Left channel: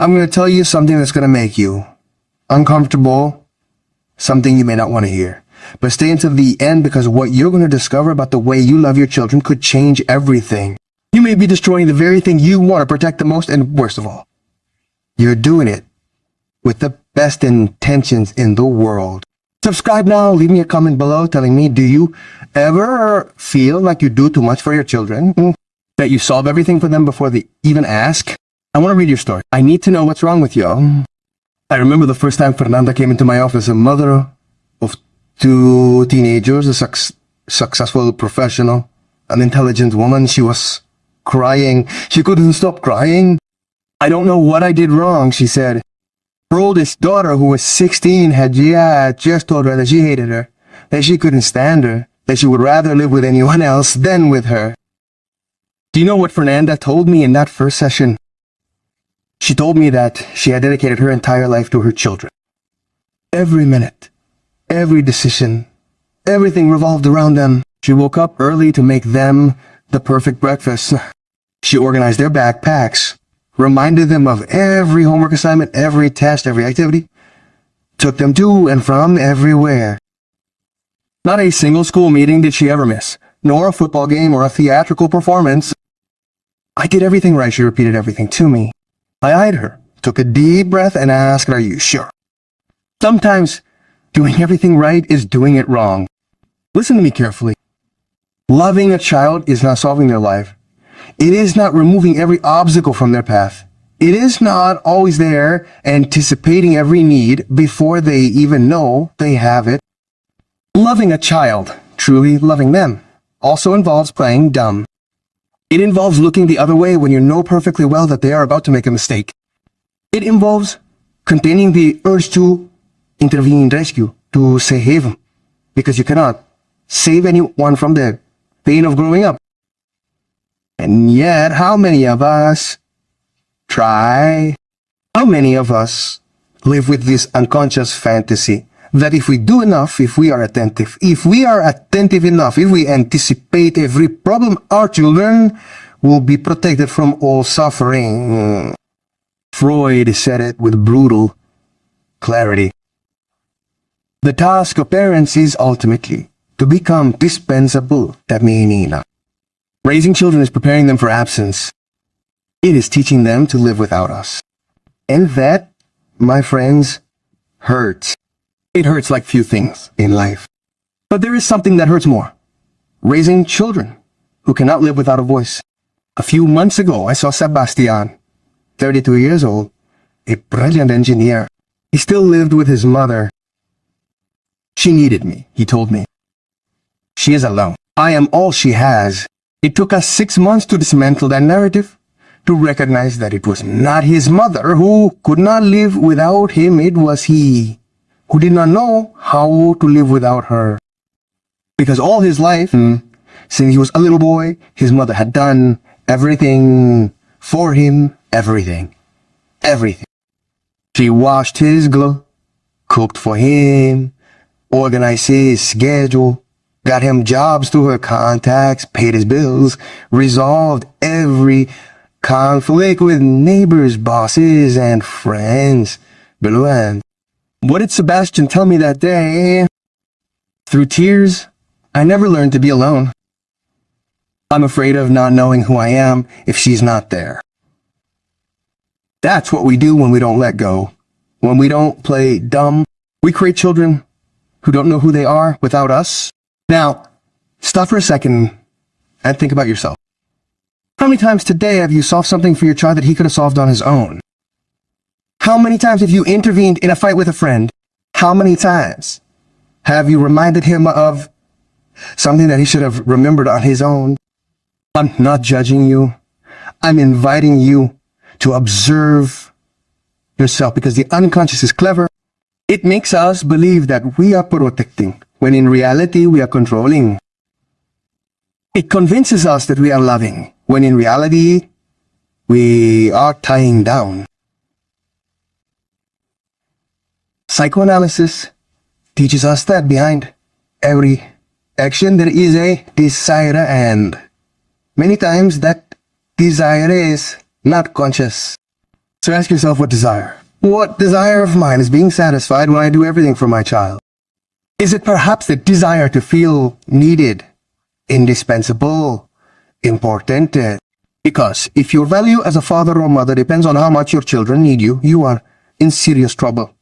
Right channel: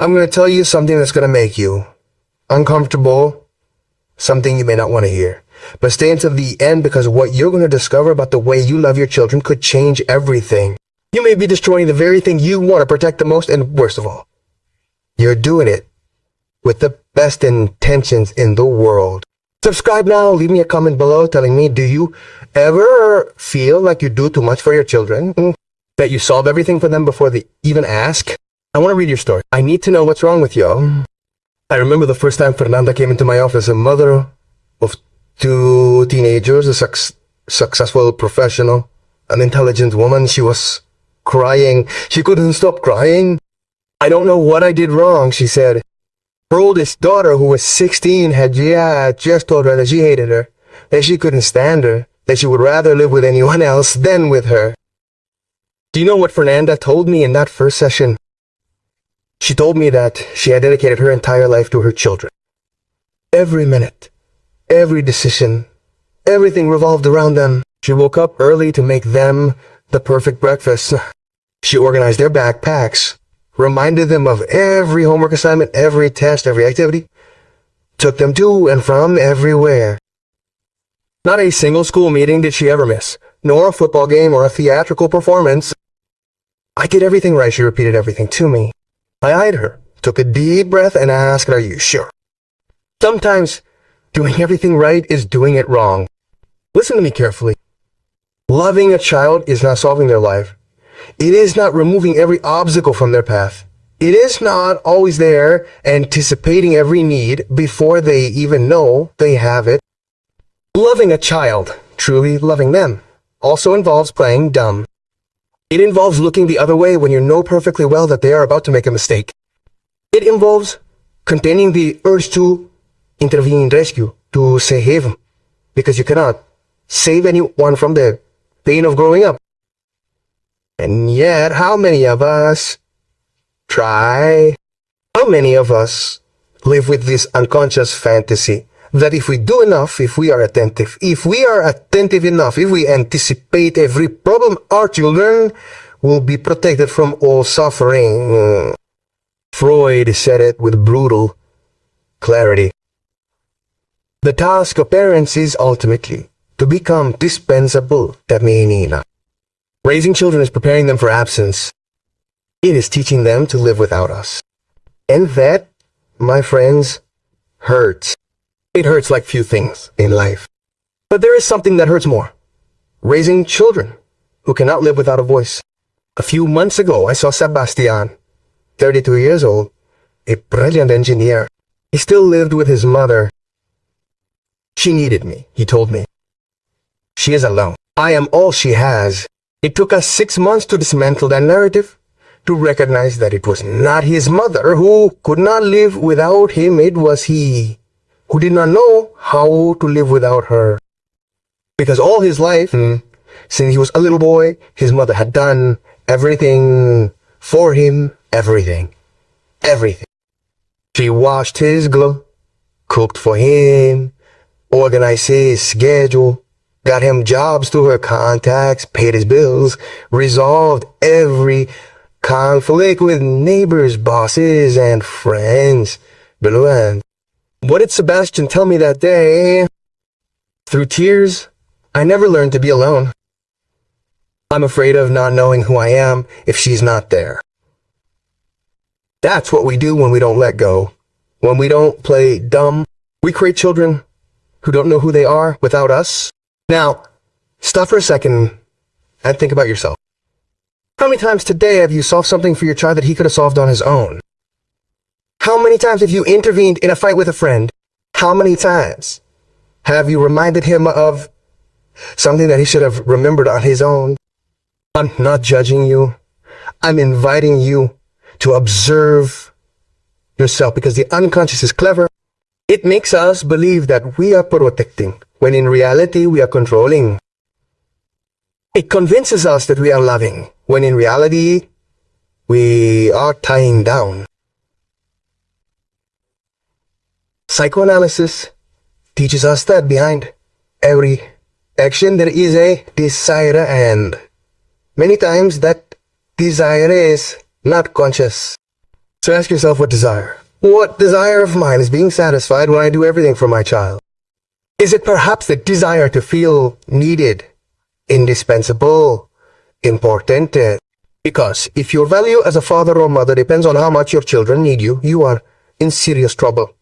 I'm going to tell you something that's going to make you uncomfortable, something you may not want to hear. But stay until the end, because what you're going to discover about the way you love your children could change everything. You may be destroying the very thing you want to protect the most, and worst of all, you're doing it with the best intentions in the world. Subscribe now. Leave me a comment below telling me, do you ever feel like you do too much for your children? That you solve everything for them before they even ask? I want to read your story. I need to know what's wrong with you. I remember the first time Fernanda came into my office, a mother of 2 teenagers, a successful professional, an intelligent woman. She was crying. She couldn't stop crying. I don't know what I did wrong, she said. Her oldest daughter, who was 16, had just told her that she hated her, that she couldn't stand her, that she would rather live with anyone else than with her. Do you know what Fernanda told me in that first session? She told me that she had dedicated her entire life to her children. Every minute, every decision, everything revolved around them. She woke up early to make them the perfect breakfast. She organized their backpacks, reminded them of every homework assignment, every test, every activity, took them to and from everywhere. Not a single school meeting did she ever miss, nor a football game or a theatrical performance. I did everything right, she repeated everything to me. I eyed her, took a deep breath, and asked, are you sure? Sometimes doing everything right is doing it wrong. Listen to me carefully. Loving a child is not solving their life. It is not removing every obstacle from their path. It is not always there anticipating every need before they even know they have it. Loving a child, truly loving them, also involves playing dumb. It involves looking the other way when you know perfectly well that they are about to make a mistake. It involves containing the urge to intervene, rescue, to save, because you cannot save anyone from the pain of growing up. And yet, how many of us try? How many of us live with this unconscious fantasy that if we do enough, if we are attentive enough, if we anticipate every problem, our children will be protected from all suffering. Freud said it with brutal clarity. The task of parents is ultimately to become dispensable. Raising children is preparing them for absence. It is teaching them to live without us. And that, my friends, hurts. It hurts like few things in life. But there is something that hurts more. Raising children who cannot live without a voice. A few months ago, I saw Sebastian, 32 years old, a brilliant engineer. He still lived with his mother. She needed me, he told me. She is alone. I am all she has. It took us 6 months to dismantle that narrative, to recognize that it was not his mother who could not live without him. It was he who did not know how to live without her. Because all his life, since he was a little boy, his mother had done everything for him, everything. She washed his clothes, cooked for him, organized his schedule, got him jobs through her contacts, paid his bills, resolved every conflict with neighbors, bosses, and friends. Below. What did Sebastian tell me that day? Through tears, I never learned to be alone. I'm afraid of not knowing who I am if she's not there. That's what we do when we don't let go. When we don't play dumb, we create children who don't know who they are without us. Now, stop for a second and think about yourself. How many times today have you solved something for your child that he could have solved on his own? How many times have you intervened in a fight with a friend? How many times have you reminded him of something that he should have remembered on his own? I'm not judging you. I'm inviting you to observe yourself, because the unconscious is clever. It makes us believe that we are protecting, when in reality we are controlling. It convinces us that we are loving, when in reality we are tying down. Psychoanalysis teaches us that behind every action there is a desire, and many times that desire is not conscious. So ask yourself what desire. What desire of mine is being satisfied when I do everything for my child? Is it perhaps the desire to feel needed, indispensable, important? Because if your value as a father or mother depends on how much your children need you, you are in serious trouble.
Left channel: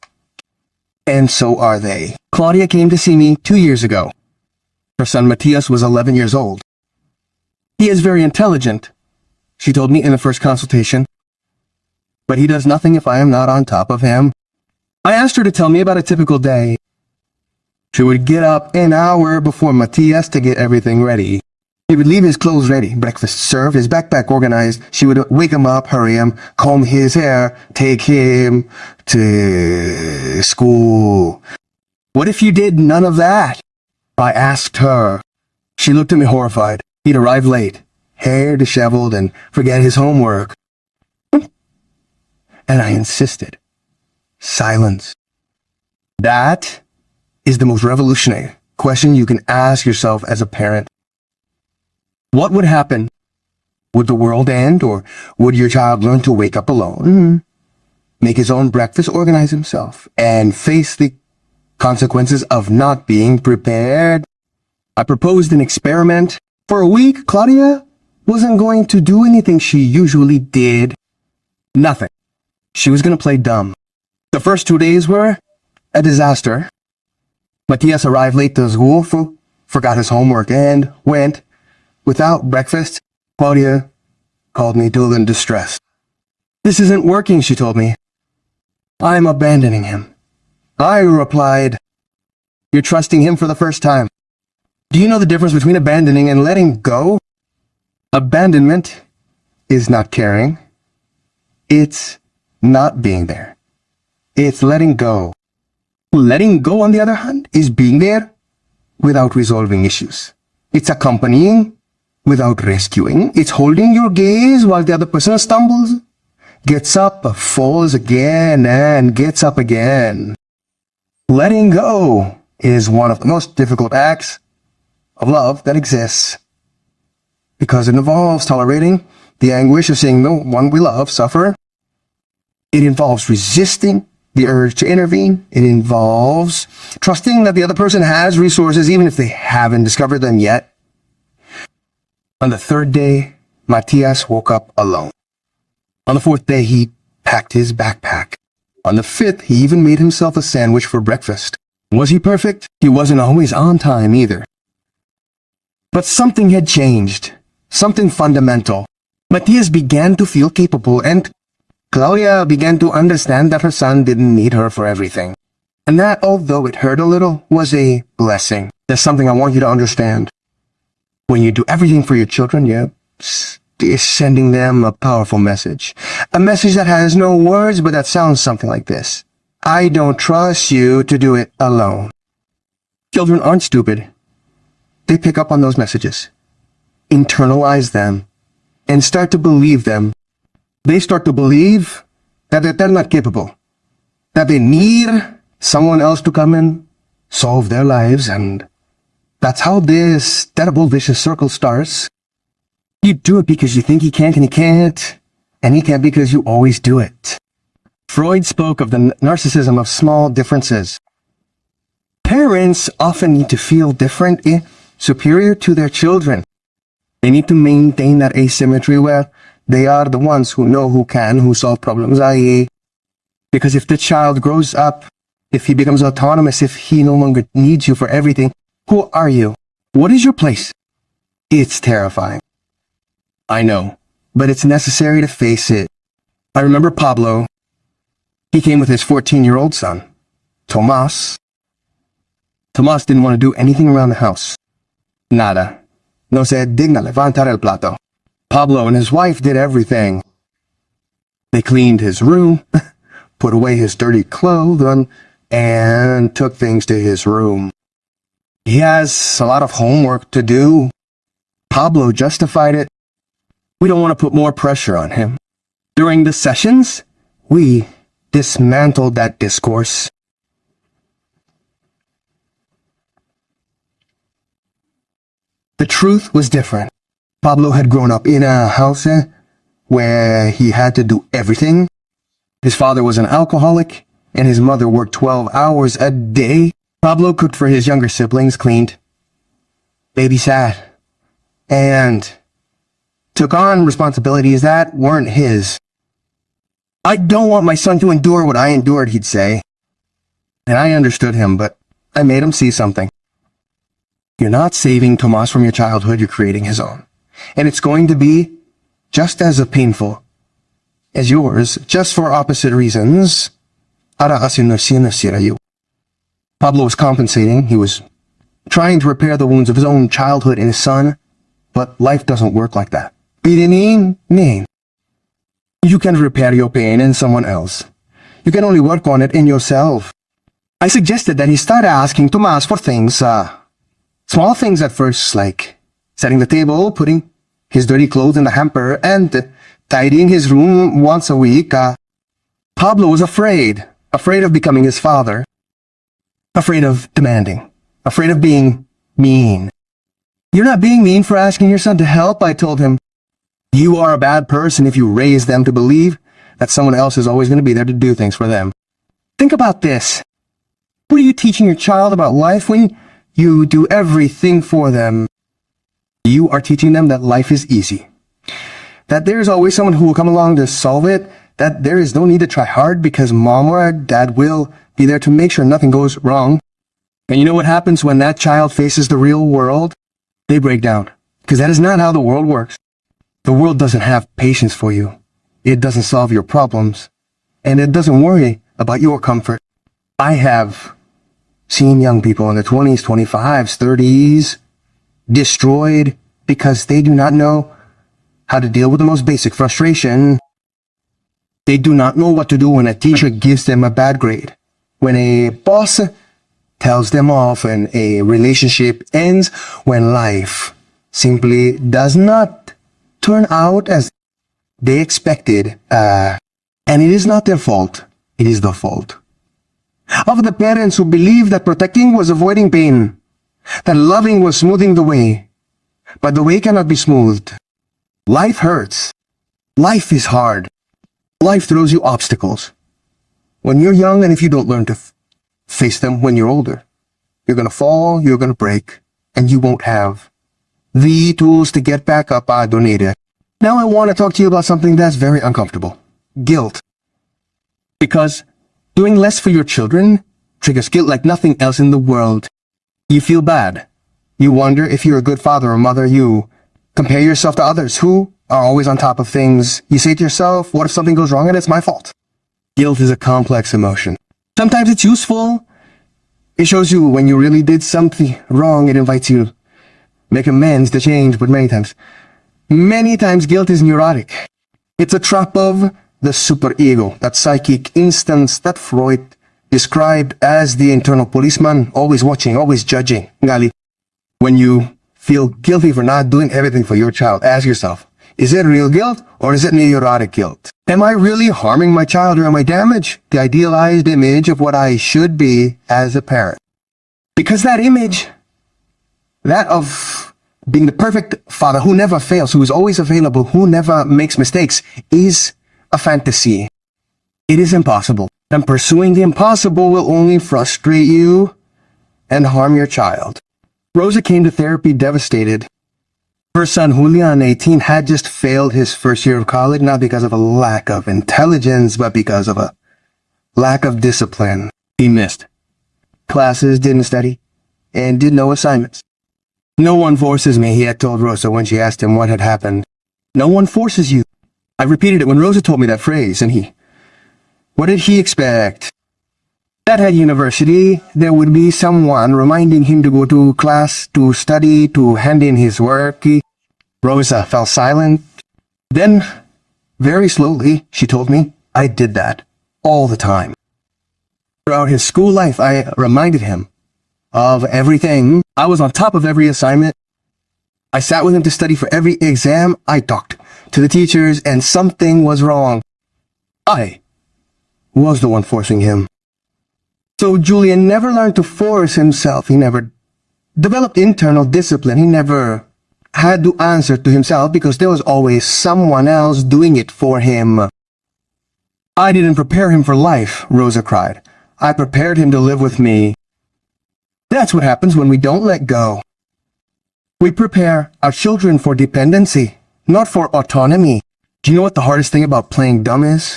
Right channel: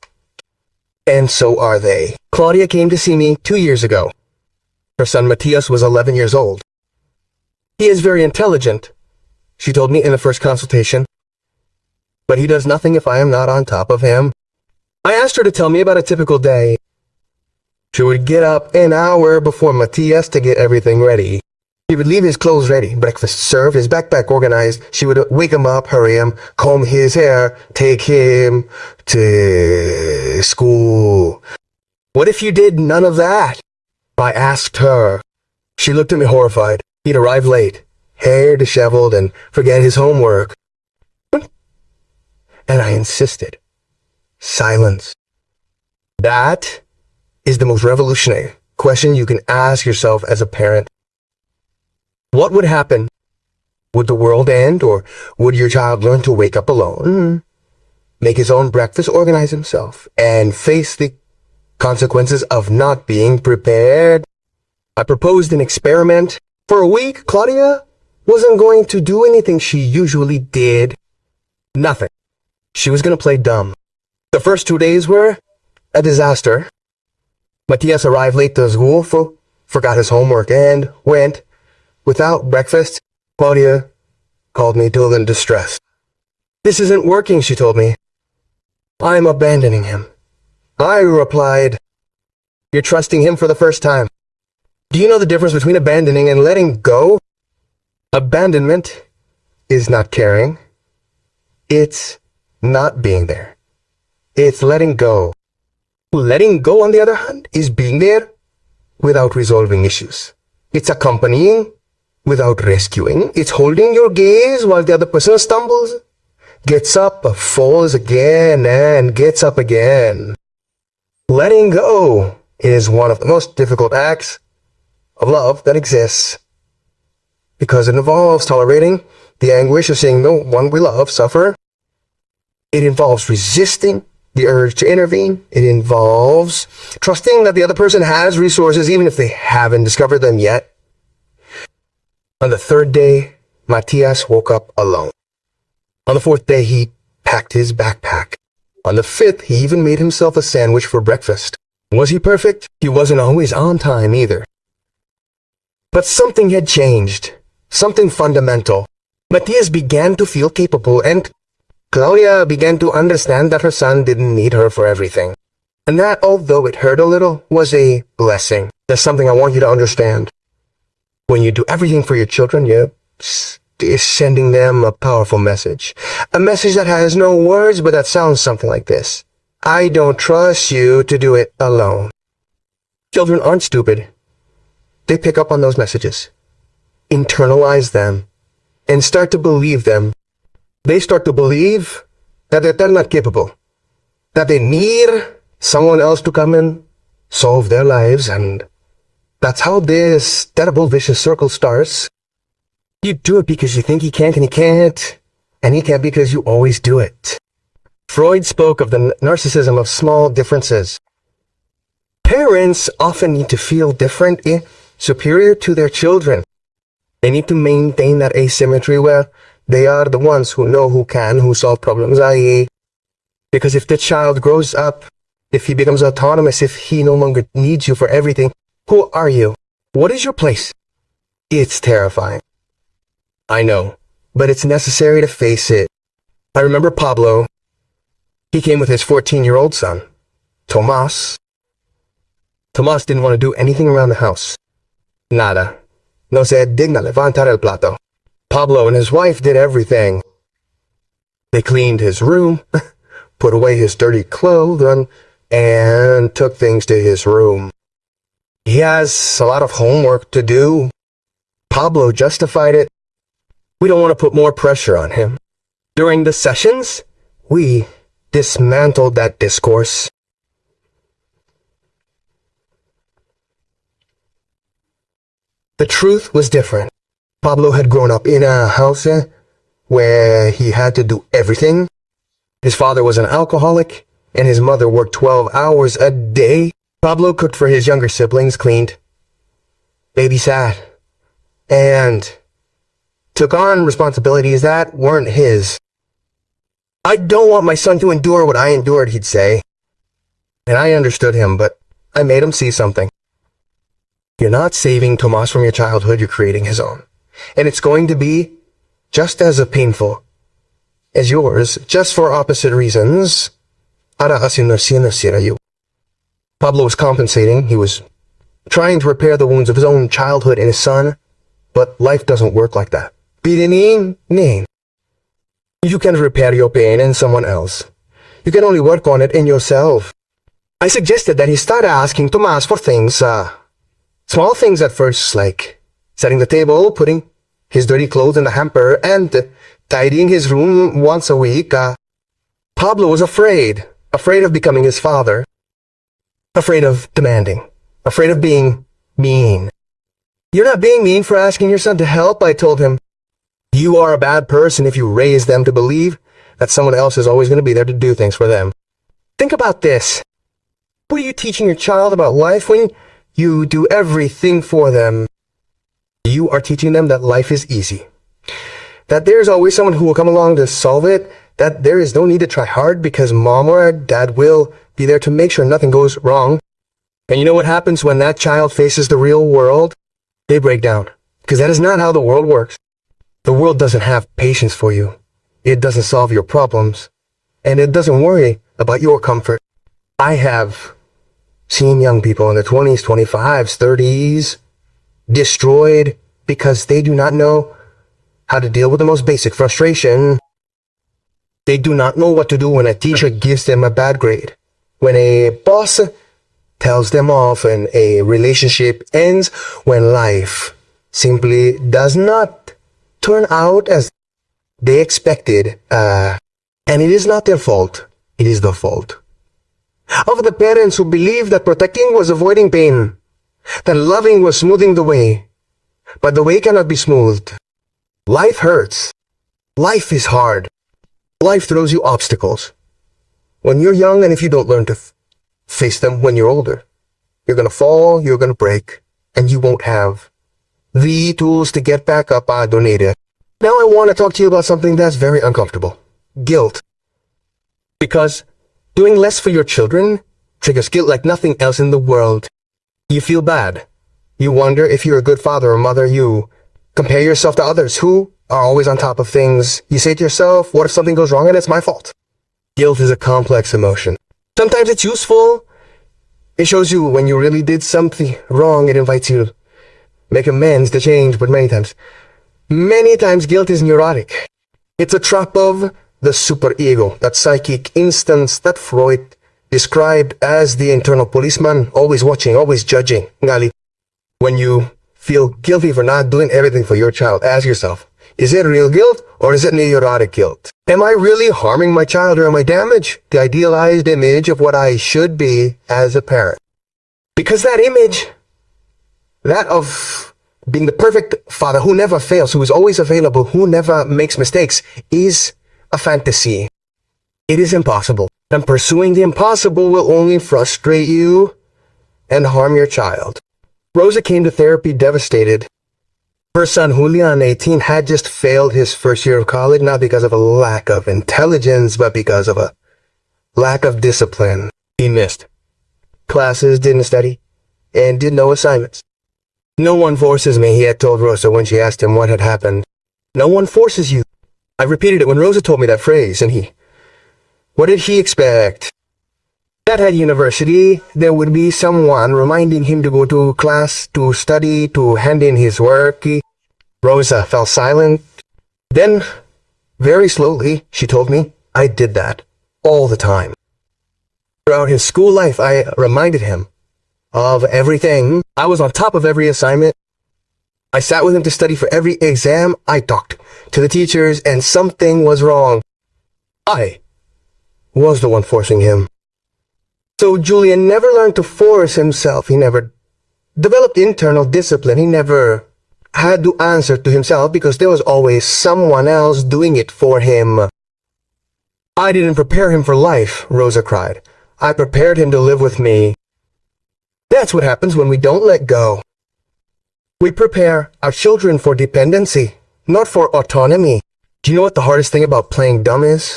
And so are they. Claudia came to see me 2 years ago. Her son Matthias was 11 years old. He is very intelligent, she told me in the first consultation, but he does nothing if I am not on top of him. I asked her to tell me about a typical day. She would get up an hour before Matthias to get everything ready. He would leave his clothes ready, breakfast served, his backpack organized. She would wake him up, hurry him, comb his hair, take him to school. What if you did none of that? I asked her. She looked at me horrified. He'd arrive late, hair disheveled, and forget his homework. And I insisted. Silence. That is the most revolutionary question you can ask yourself as a parent. What would happen? Would the world end, or would your child learn to wake up alone, make his own breakfast, organize himself, and face the consequences of not being prepared? I proposed an experiment. For a week, Claudia wasn't going to do anything she usually did. Nothing. She was going to play dumb. The first 2 days were a disaster. Matthias arrived late to school, forgot his homework, and went without breakfast. Claudia called me dull and distressed. This isn't working, she told me. I'm abandoning him. I replied, you're trusting him for the first time. Do you know the difference between abandoning and letting go? Abandonment is not caring. It's not being there. It's letting go. Letting go, on the other hand, is being there without resolving issues. It's accompanying without rescuing. It's holding your gaze while the other person stumbles, gets up, falls again, and gets up again. Letting go is one of the most difficult acts of love that exists, because it involves tolerating the anguish of seeing the one we love suffer. It involves resisting the urge to intervene. It involves trusting that the other person has resources, even if they haven't discovered them yet. On the third day, Matthias woke up alone. On the fourth day, he packed his backpack. On the fifth, he even made himself a sandwich for breakfast. Was he perfect? He wasn't always on time either. But something had changed. Something fundamental. Matthias began to feel capable, and Claudia began to understand that her son didn't need her for everything. And that, although it hurt a little, was a blessing. There's something I want you to understand. When you do everything for your children, you're sending them a powerful message. A message that has no words, but that sounds something like this. I don't trust you to do it alone. Children aren't stupid. They pick up on those messages, internalize them, and start to believe them. They start to believe that they're not capable, that they need someone else to come and solve their lives, and that's how this terrible vicious circle starts. You do it because you think he can't, and he can't because you always do it. Freud spoke of the narcissism of small differences. Parents often need to feel different, superior to their children. They need to maintain that asymmetry where they are the ones who know, who solve problems, i.e., because if the child grows up, if he becomes autonomous, if he no longer needs you for everything, who are you? What is your place? It's terrifying. I know, but it's necessary to face it. I remember Pablo. He came with his 14-year-old son, Tomas. Tomas didn't want to do anything around the house. Nada. No se digna levantar el plato. Pablo and his wife did everything. They cleaned his room, put away his dirty clothes, and took things to his room. He has a lot of homework to do. Pablo justified it. We don't want to put more pressure on him. During the sessions, we dismantled that discourse. The truth was different. Pablo had grown up in a house where he had to do everything His father was an alcoholic, and his mother worked 12 hours a day. Pablo cooked for his younger siblings, cleaned, babysat, and took on responsibilities that weren't his. I don't want my son to endure what I endured, he'd say. And I understood him, but I made him see something. You're not saving Tomas from your childhood, you're creating his own. And it's going to be just as painful as yours, just for opposite reasons. Pablo was compensating. He was trying to repair the wounds of his own childhood in his son, but life doesn't work like that. You can repair your pain in someone else. You can only work on it in yourself. I suggested that he start asking Tomas for things, small things at first, like setting the table, putting his dirty clothes in the hamper, and tidying his room once a week. Pablo was afraid of becoming his father, afraid of demanding, afraid of being mean. You're not being mean for asking your son to help, I told him. You are a bad person if you raise them to believe that someone else is always going to be there to do things for them. Think about this. What are you teaching your child about life when you do everything for them? You are teaching them that life is easy, that there's always someone who will come along to solve it, that there is no need to try hard because mom or dad will be there to make sure nothing goes wrong. And you know what happens when that child faces the real world? They break down, because that is not how the world works. The world doesn't have patience for you. It doesn't solve your problems, and it doesn't worry about your comfort. I have seen young people in their 20s, 25s, 30s destroyed because they do not know how to deal with the most basic frustration. They do not know what to do when a teacher gives them a bad grade, when a boss tells them off, and a relationship ends, when life simply does not turn out as they expected. And it is not their fault. It is the fault of the parents who believed that protecting was avoiding pain, that loving was smoothing the way. But the way cannot be smoothed. Life hurts. Life is hard. Life throws you obstacles. When you're young, and if you don't learn to face them when you're older, you're going to fall, you're going to break, and you won't have the tools to get back up. Now I want to talk to you about something that's very uncomfortable. Guilt. Because doing less for your children triggers guilt like nothing else in the world. You feel bad. You wonder if you're a good father or mother. You compare yourself to others who are always on top of things. You say to yourself, what if something goes wrong and it's my fault? Guilt is a complex emotion. Sometimes it's useful. It shows you when you really did something wrong. It invites you to make amends, to change, but many times guilt is neurotic. It's a trap of the superego, that psychic instance that Freud described as the internal policeman, always watching, always judging. When you feel guilty for not doing everything for your child, ask yourself, is it real guilt or is it neurotic guilt? Am I really harming my child, or am I damaging the idealized image of what I should be as a parent? Because that image, that of being the perfect father who never fails, who is always available, who never makes mistakes, is a fantasy. It is impossible. And pursuing the impossible will only frustrate you and harm your child. Rosa came to therapy devastated. Her son, Julian, 18, had just failed his first year of college, not because of a lack of intelligence, but because of a lack of discipline. He missed classes, didn't study, and did no assignments. No one forces me, he had told Rosa when she asked him what had happened. No one forces you. I repeated it when Rosa told me that phrase, and what did he expect? That at university, there would be someone reminding him to go to class, to study, to hand in his work. Rosa fell silent. Then, very slowly, she told me, I did that all the time. Throughout his school life, I reminded him of everything. I was on top of every assignment. I sat with him to study for every exam. I talked to the teachers, and something was wrong. I was the one forcing him. So Julian never learned to force himself. He never developed internal discipline. He never had to answer to himself because there was always someone else doing it for him. I didn't prepare him for life, Rosa cried. I prepared him to live with me. That's what happens when we don't let go. We prepare our children for dependency, not for autonomy. Do you know what the hardest thing about playing dumb is?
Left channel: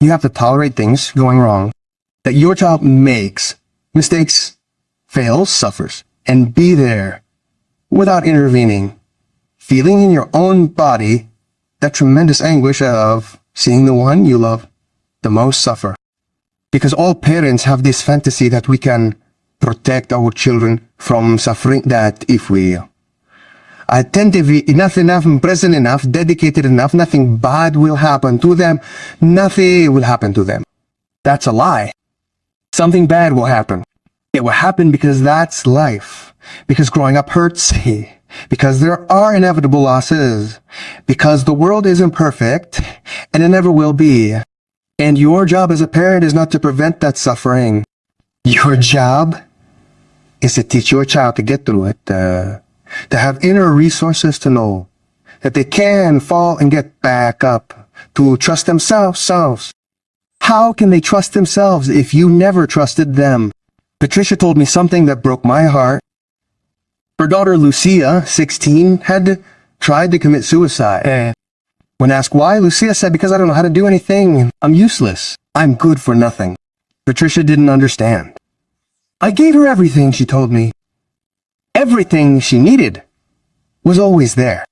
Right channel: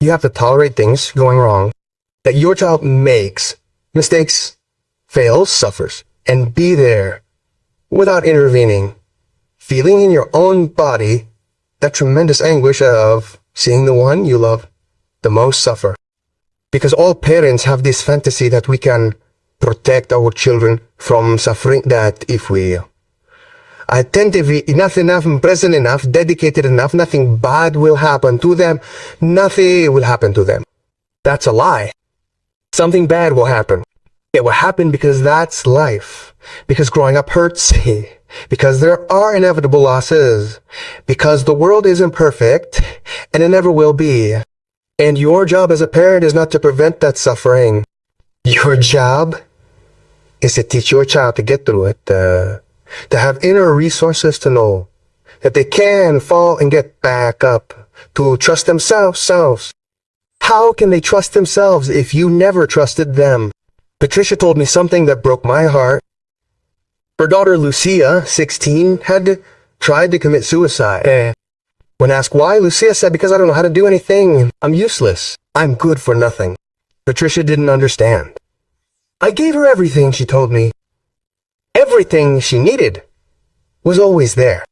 You have to tolerate things going wrong, that your child makes mistakes, fails, suffers, and be there without intervening, feeling in your own body that tremendous anguish of seeing the one you love the most suffer. Because all parents have this fantasy that we can protect our children from suffering, that if we attentive enough, present enough, dedicated enough, nothing bad will happen to them. Nothing will happen to them. That's a lie. Something bad will happen. It will happen because that's life. Because growing up hurts. Because there are inevitable losses. Because the world isn't perfect, and it never will be. And your job as a parent is not to prevent that suffering. Your job is to teach your child to get through it, to have inner resources to know that they can fall and get back up, to trust themselves. How can they trust themselves if you never trusted them? Patricia told me something that broke my heart. Her daughter Lucia, 16, had tried to commit suicide. When asked why, Lucia said, because I don't know how to do anything. I'm useless. I'm good for nothing. Patricia didn't understand. I gave her everything, she told me. Everything she needed was always there.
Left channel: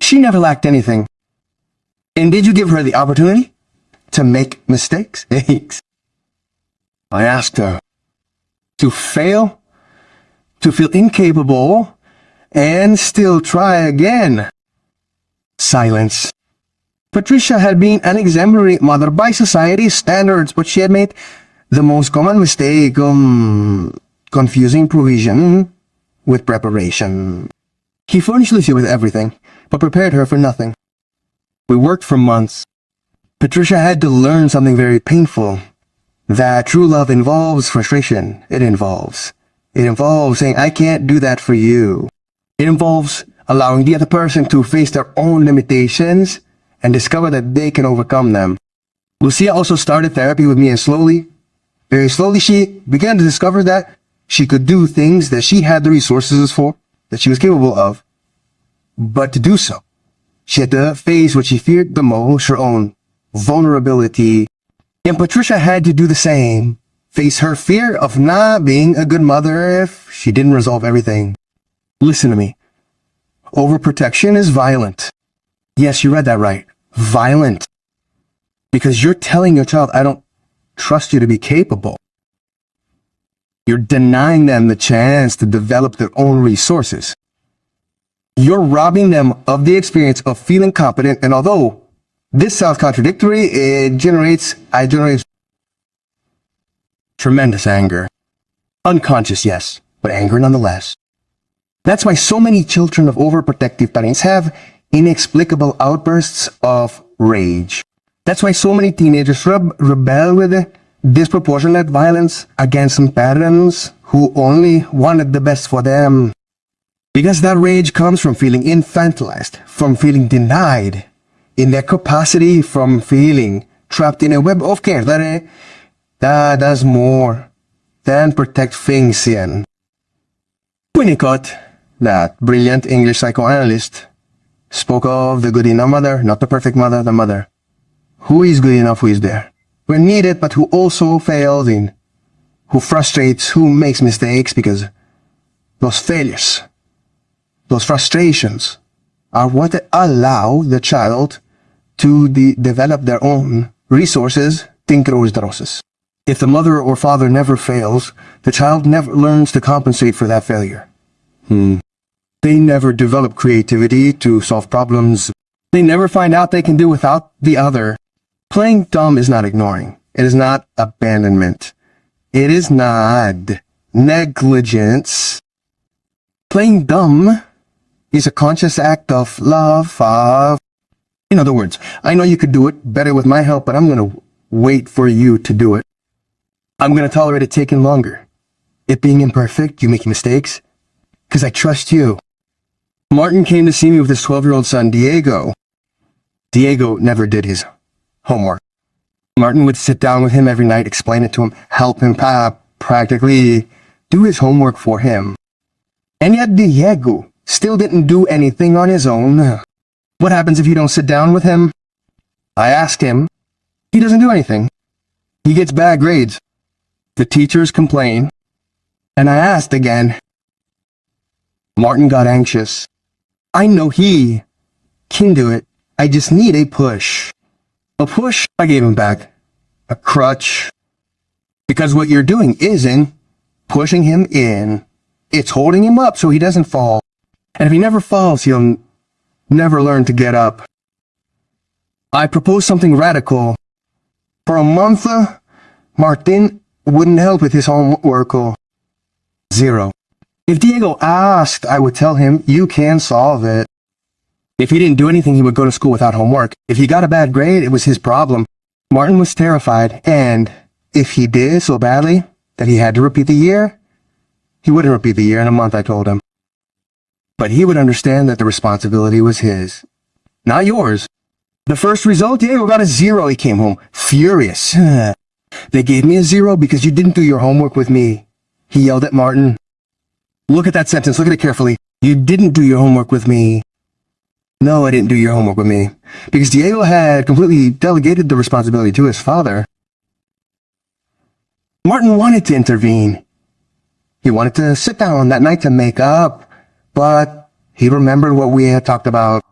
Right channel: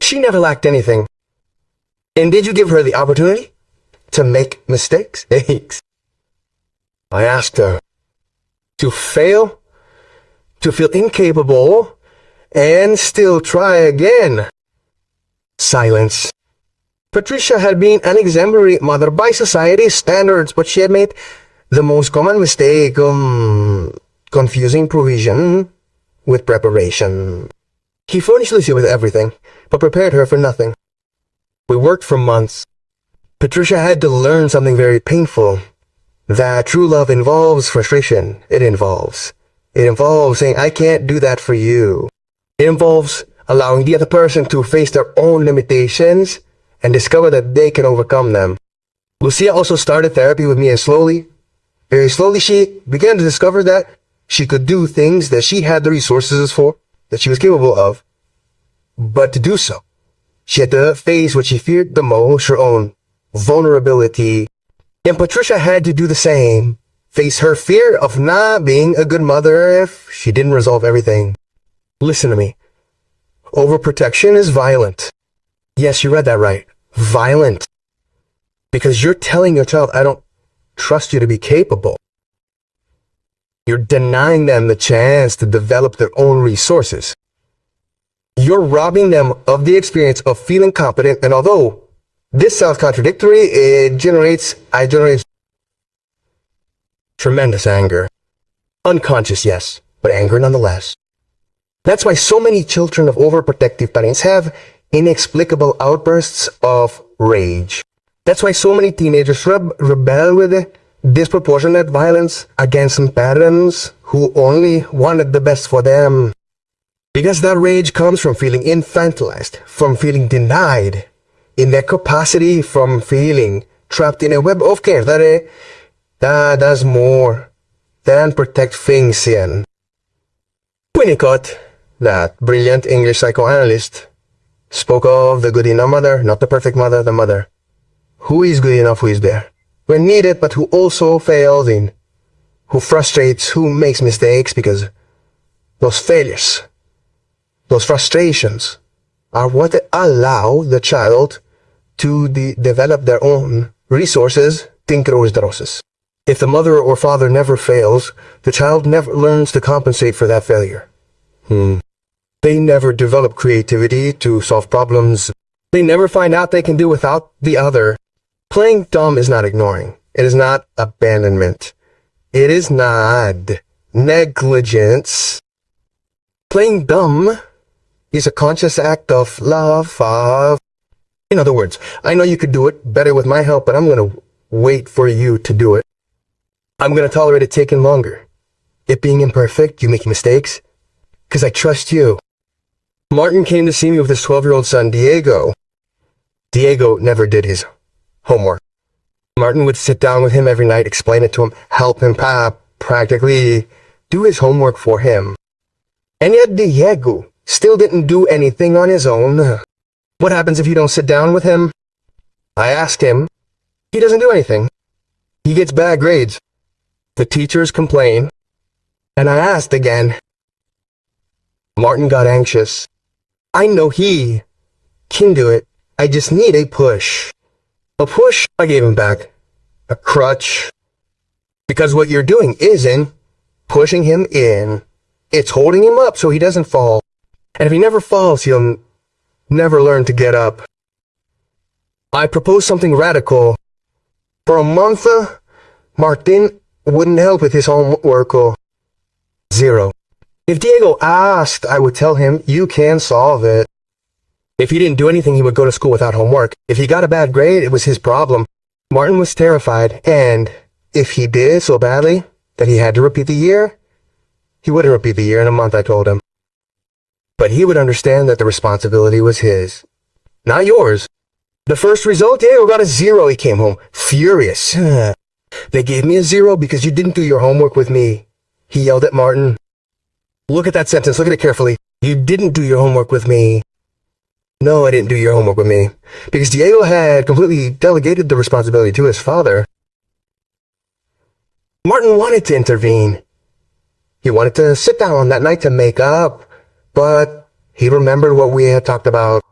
She never lacked anything. And did you give her the opportunity to make mistakes? I asked her to fail, to feel incapable, and still try again. Silence. Patricia had been an exemplary mother by society's standards, but she had made the most common mistake, confusing provision with preparation. He furnished Lucia with everything, but prepared her for nothing. We worked for months. Patricia had to learn something very painful, that true love involves frustration. It involves saying, I can't do that for you. It involves allowing the other person to face their own limitations and discover that they can overcome them. Lucia also started therapy with me, and very slowly, she began to discover that she could do things that she had the resources for, that she was capable of. But to do so, she had to face what she feared the most, her own vulnerability. And Patricia had to do the same, face her fear of not being a good mother if she didn't resolve everything. Listen to me. Overprotection is violent. Yes, you read that right. Violent. Because you're telling your child, I don't trust you to be capable. You're denying them the chance to develop their own resources. You're robbing them of the experience of feeling competent, and although this sounds contradictory, it generates tremendous anger. Unconscious, yes, but anger nonetheless. That's why so many children of overprotective parents have inexplicable outbursts of rage. That's why so many teenagers rebel with disproportionate violence against some parents who only wanted the best for them. Because that rage comes from feeling infantilized, from feeling denied in their capacity, from feeling trapped in a web of care that does more than protect things in. Winnicott, that brilliant English psychoanalyst, spoke of the good enough mother, not the perfect mother, the mother who is good enough, who is there when needed, but who also fails in, who frustrates, who makes mistakes, because those failures, those frustrations are what allow the child to develop their own resources, tinkerosdroses. If the mother or father never fails, the child never learns to compensate for that failure. They never develop creativity to solve problems. They never find out they can do without the other. Playing dumb is not ignoring. It is not abandonment. It is not negligence. Playing dumb is a conscious act of love. In other words, I know you could do it better with my help, but I'm going to wait for you to do it. I'm going to tolerate it taking longer. It being imperfect, you making mistakes, because I trust you. Martin came to see me with his 12-year-old son, Diego. Diego never did his homework. Martin would sit down with him every night, explain it to him, help him practically do his homework for him. And yet Diego still didn't do anything on his own. What happens if you don't sit down with him? I asked him. He doesn't do anything. He gets bad grades. The teachers complain. And I asked again. Martin got anxious. I know he can do it. I just need a push. A push I gave him back. A crutch. Because what you're doing isn't pushing him in. It's holding him up so he doesn't fall. And if he never falls, he'll never learn to get up. I proposed something radical. For a month, Martin wouldn't help with his homework. Zero. If Diego asked, I would tell him, you can solve it. If he didn't do anything, he would go to school without homework. If he got a bad grade, it was his problem. Martin was terrified, and if he did so badly that he had to repeat the year, he wouldn't repeat the year in a month, I told him. But he would understand that the responsibility was his, not yours. The first result, Diego got a 0. He came home furious. They gave me a 0 because you didn't do your homework with me. He yelled at Martin. Look at that sentence. Look at it carefully. You didn't do your homework with me. No, I didn't do your homework with me. Because Diego had completely delegated the responsibility to his father. Martin wanted to intervene. He wanted to sit down that night to make up, but he remembered what we had talked about.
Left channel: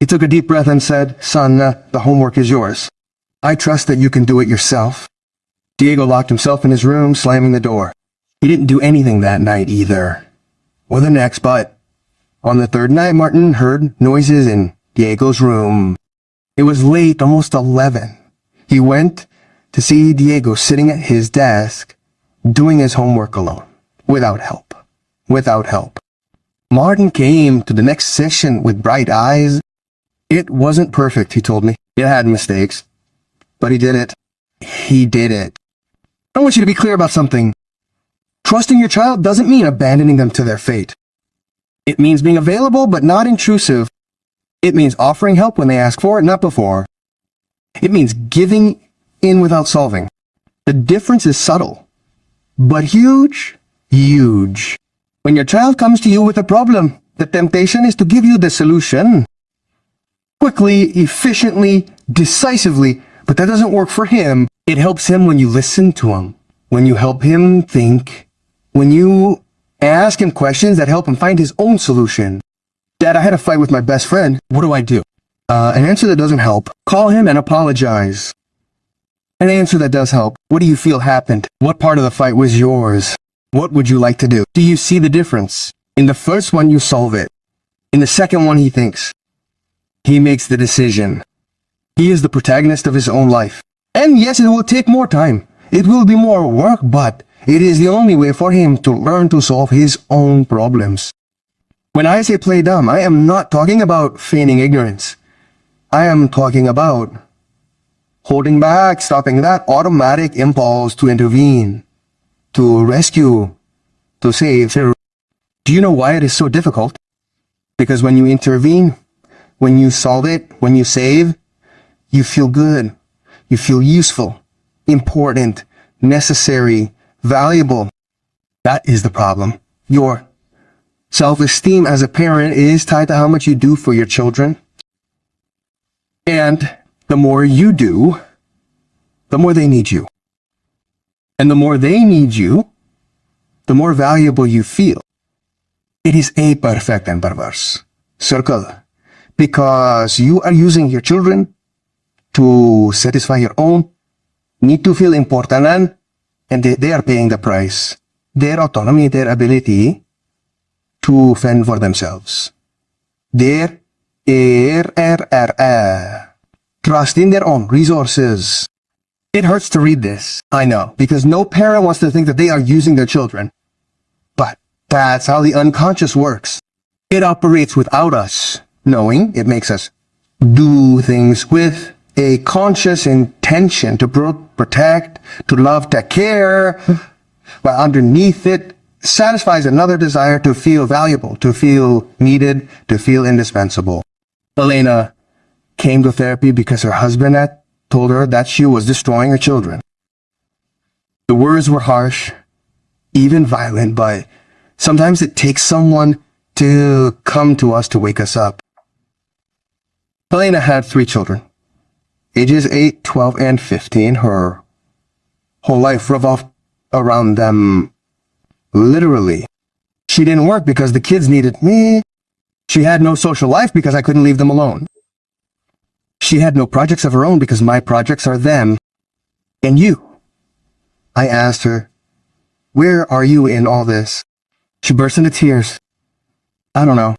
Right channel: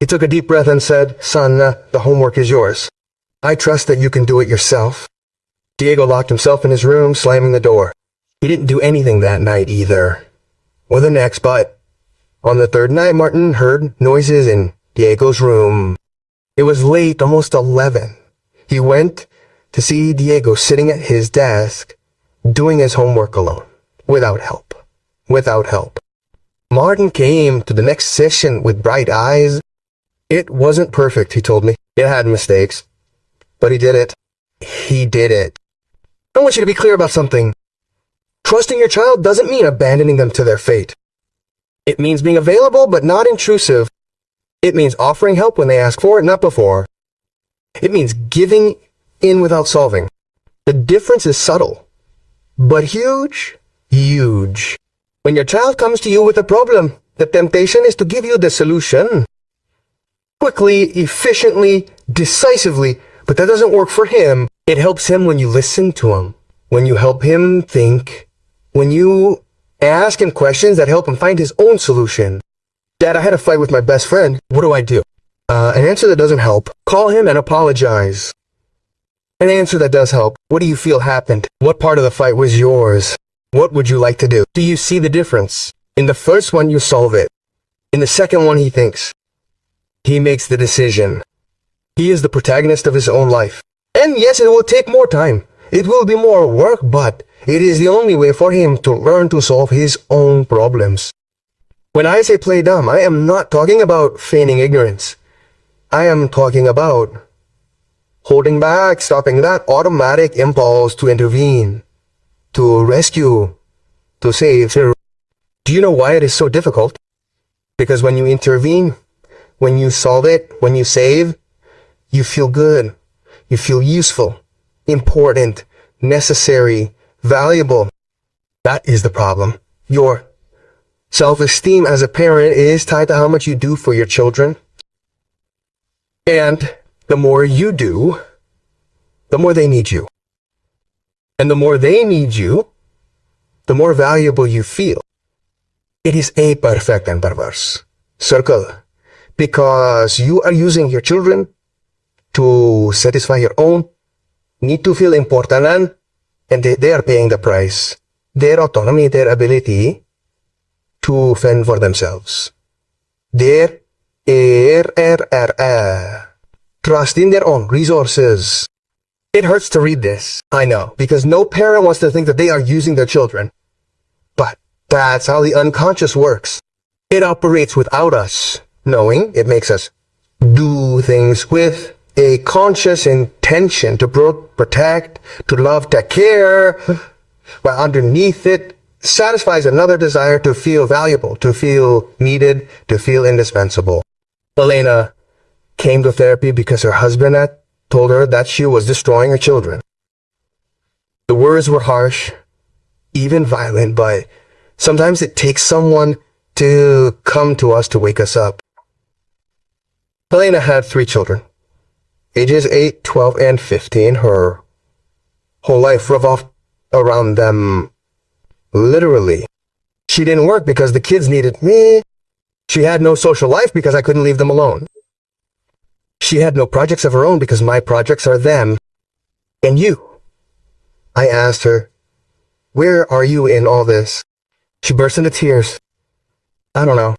He took a deep breath and said, son, the homework is yours. I trust that you can do it yourself. Diego locked himself in his room, slamming the door. He didn't do anything that night either, or the next, but on the third night, Martin heard noises in Diego's room. It was late, almost 11. He went to see Diego sitting at his desk, doing his homework alone, without help. Martin came to the next session with bright eyes. It wasn't perfect, he told me. It had mistakes, but he did it. He did it. I want you to be clear about something. Trusting your child doesn't mean abandoning them to their fate. It means being available but not intrusive. It means offering help when they ask for it, not before. It means giving in without solving. The difference is subtle, but huge. When your child comes to you with a problem, the temptation is to give you the solution. Quickly, efficiently, decisively, but that doesn't work for him. It helps him when you listen to him, when you help him think, when you ask him questions that help him find his own solution. Dad, I had a fight with my best friend. What do I do? An answer that doesn't help. Call him and apologize. An answer that does help. What do you feel happened? What part of the fight was yours? What would you like to do? Do you see the difference? In the first one, you solve it. In the second one, he thinks. He makes the decision. He is the protagonist of his own life. And yes, it will take more time. It will be more work, but it is the only way for him to learn to solve his own problems. When I say play dumb, I am not talking about feigning ignorance. I am talking about holding back, stopping that automatic impulse to intervene, to rescue, to save. Do you know why it is so difficult? Because when you intervene, when you solve it, when you save, you feel good. You feel useful, important, necessary, valuable. That is the problem. Your self-esteem as a parent is tied to how much you do for your children. And the more you do, the more they need you. And the more they need you, the more valuable you feel. It is a perfect and perverse circle. Because you are using your children to satisfy your own need to feel important, and they are paying the price. Their autonomy, their ability to fend for themselves. Their trust in their own resources. It hurts to read this, I know, because no parent wants to think that they are using their children. But that's how the unconscious works. It operates without us knowing. It makes us do things with a conscious intention to protect, to love, to care, while underneath it satisfies another desire to feel valuable, to feel needed, to feel indispensable. Elena came to therapy because her husband at told her that she was destroying her children. The words were harsh, even violent, but sometimes it takes someone to come to us to wake us up. Helena had 3 children, ages 8, 12, and 15. Her whole life revolved around them, literally. She didn't work because the kids needed me. She had no social life because I couldn't leave them alone. She had no projects of her own because my projects are them and you. I asked her, where are you in all this? She burst into tears. I don't know.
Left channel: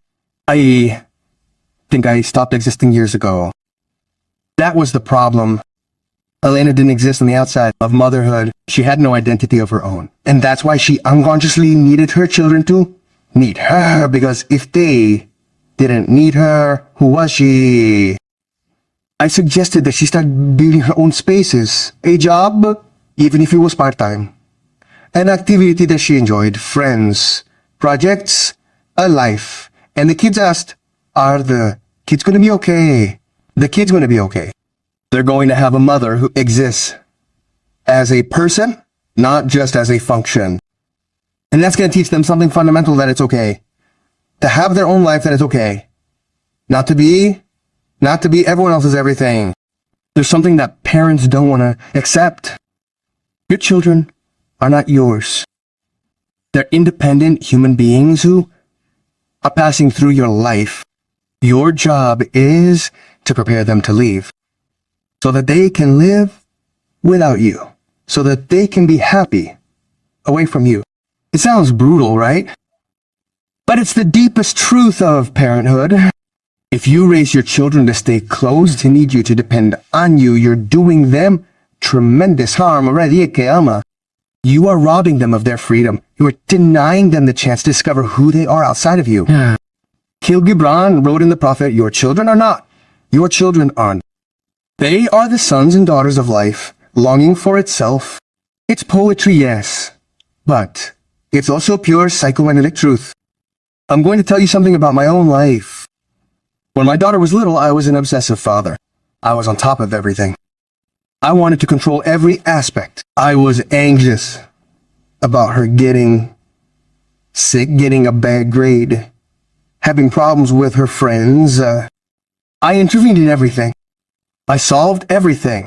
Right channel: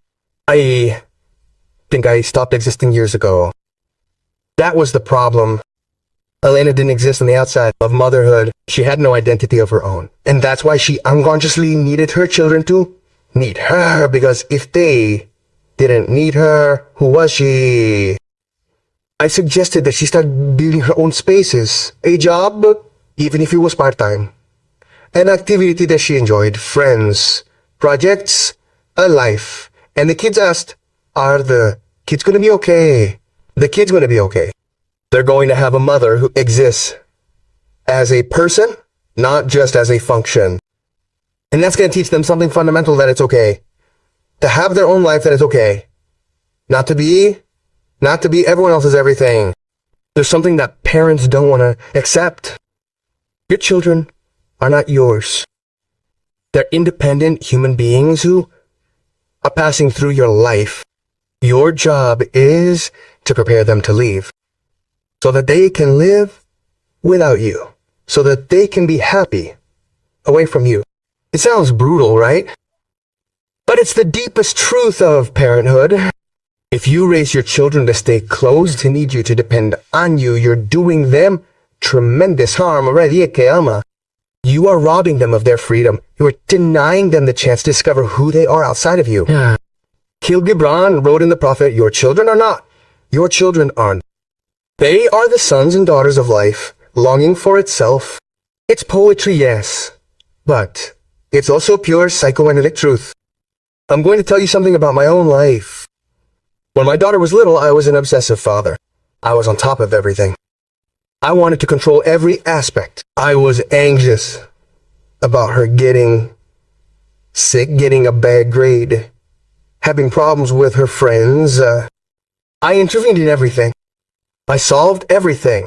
I think I stopped existing years ago. That was the problem. Elena didn't exist on the outside of motherhood. She had no identity of her own. And that's why she unconsciously needed her children to need her, because if they didn't need her, who was she? I suggested that she start building her own spaces, a job, even if it was part-time, an activity that she enjoyed, friends, projects, a life. And the kids asked, are the kids going to be okay? The kids going to be okay. They're going to have a mother who exists as a person, not just as a function. And that's going to teach them something fundamental, that it's okay to have their own life, that it's okay not to be everyone else's everything. There's something that parents don't want to accept. Your children are not yours. They're independent human beings who are passing through your life. Your job is to prepare them to leave so that they can live without you, so that they can be happy away from you. It sounds brutal, right? But it's the deepest truth of parenthood. If you raise your children to stay close, to need you, to depend on you, you're doing them tremendous harm already. You are robbing them of their freedom. You are denying them the chance to discover who they are outside of you. Khalil Gibran wrote in The Prophet, your children are not. Your children aren't. They are the sons and daughters of life, longing for itself. It's poetry, yes, but it's also pure psychoanalytic truth. I'm going to tell you something about my own life. When my daughter was little, I was an obsessive father. I was on top of everything. I wanted to control every aspect. I was anxious about her getting sick, getting a bad grade, having problems with her friends. I intervened in everything. I solved everything.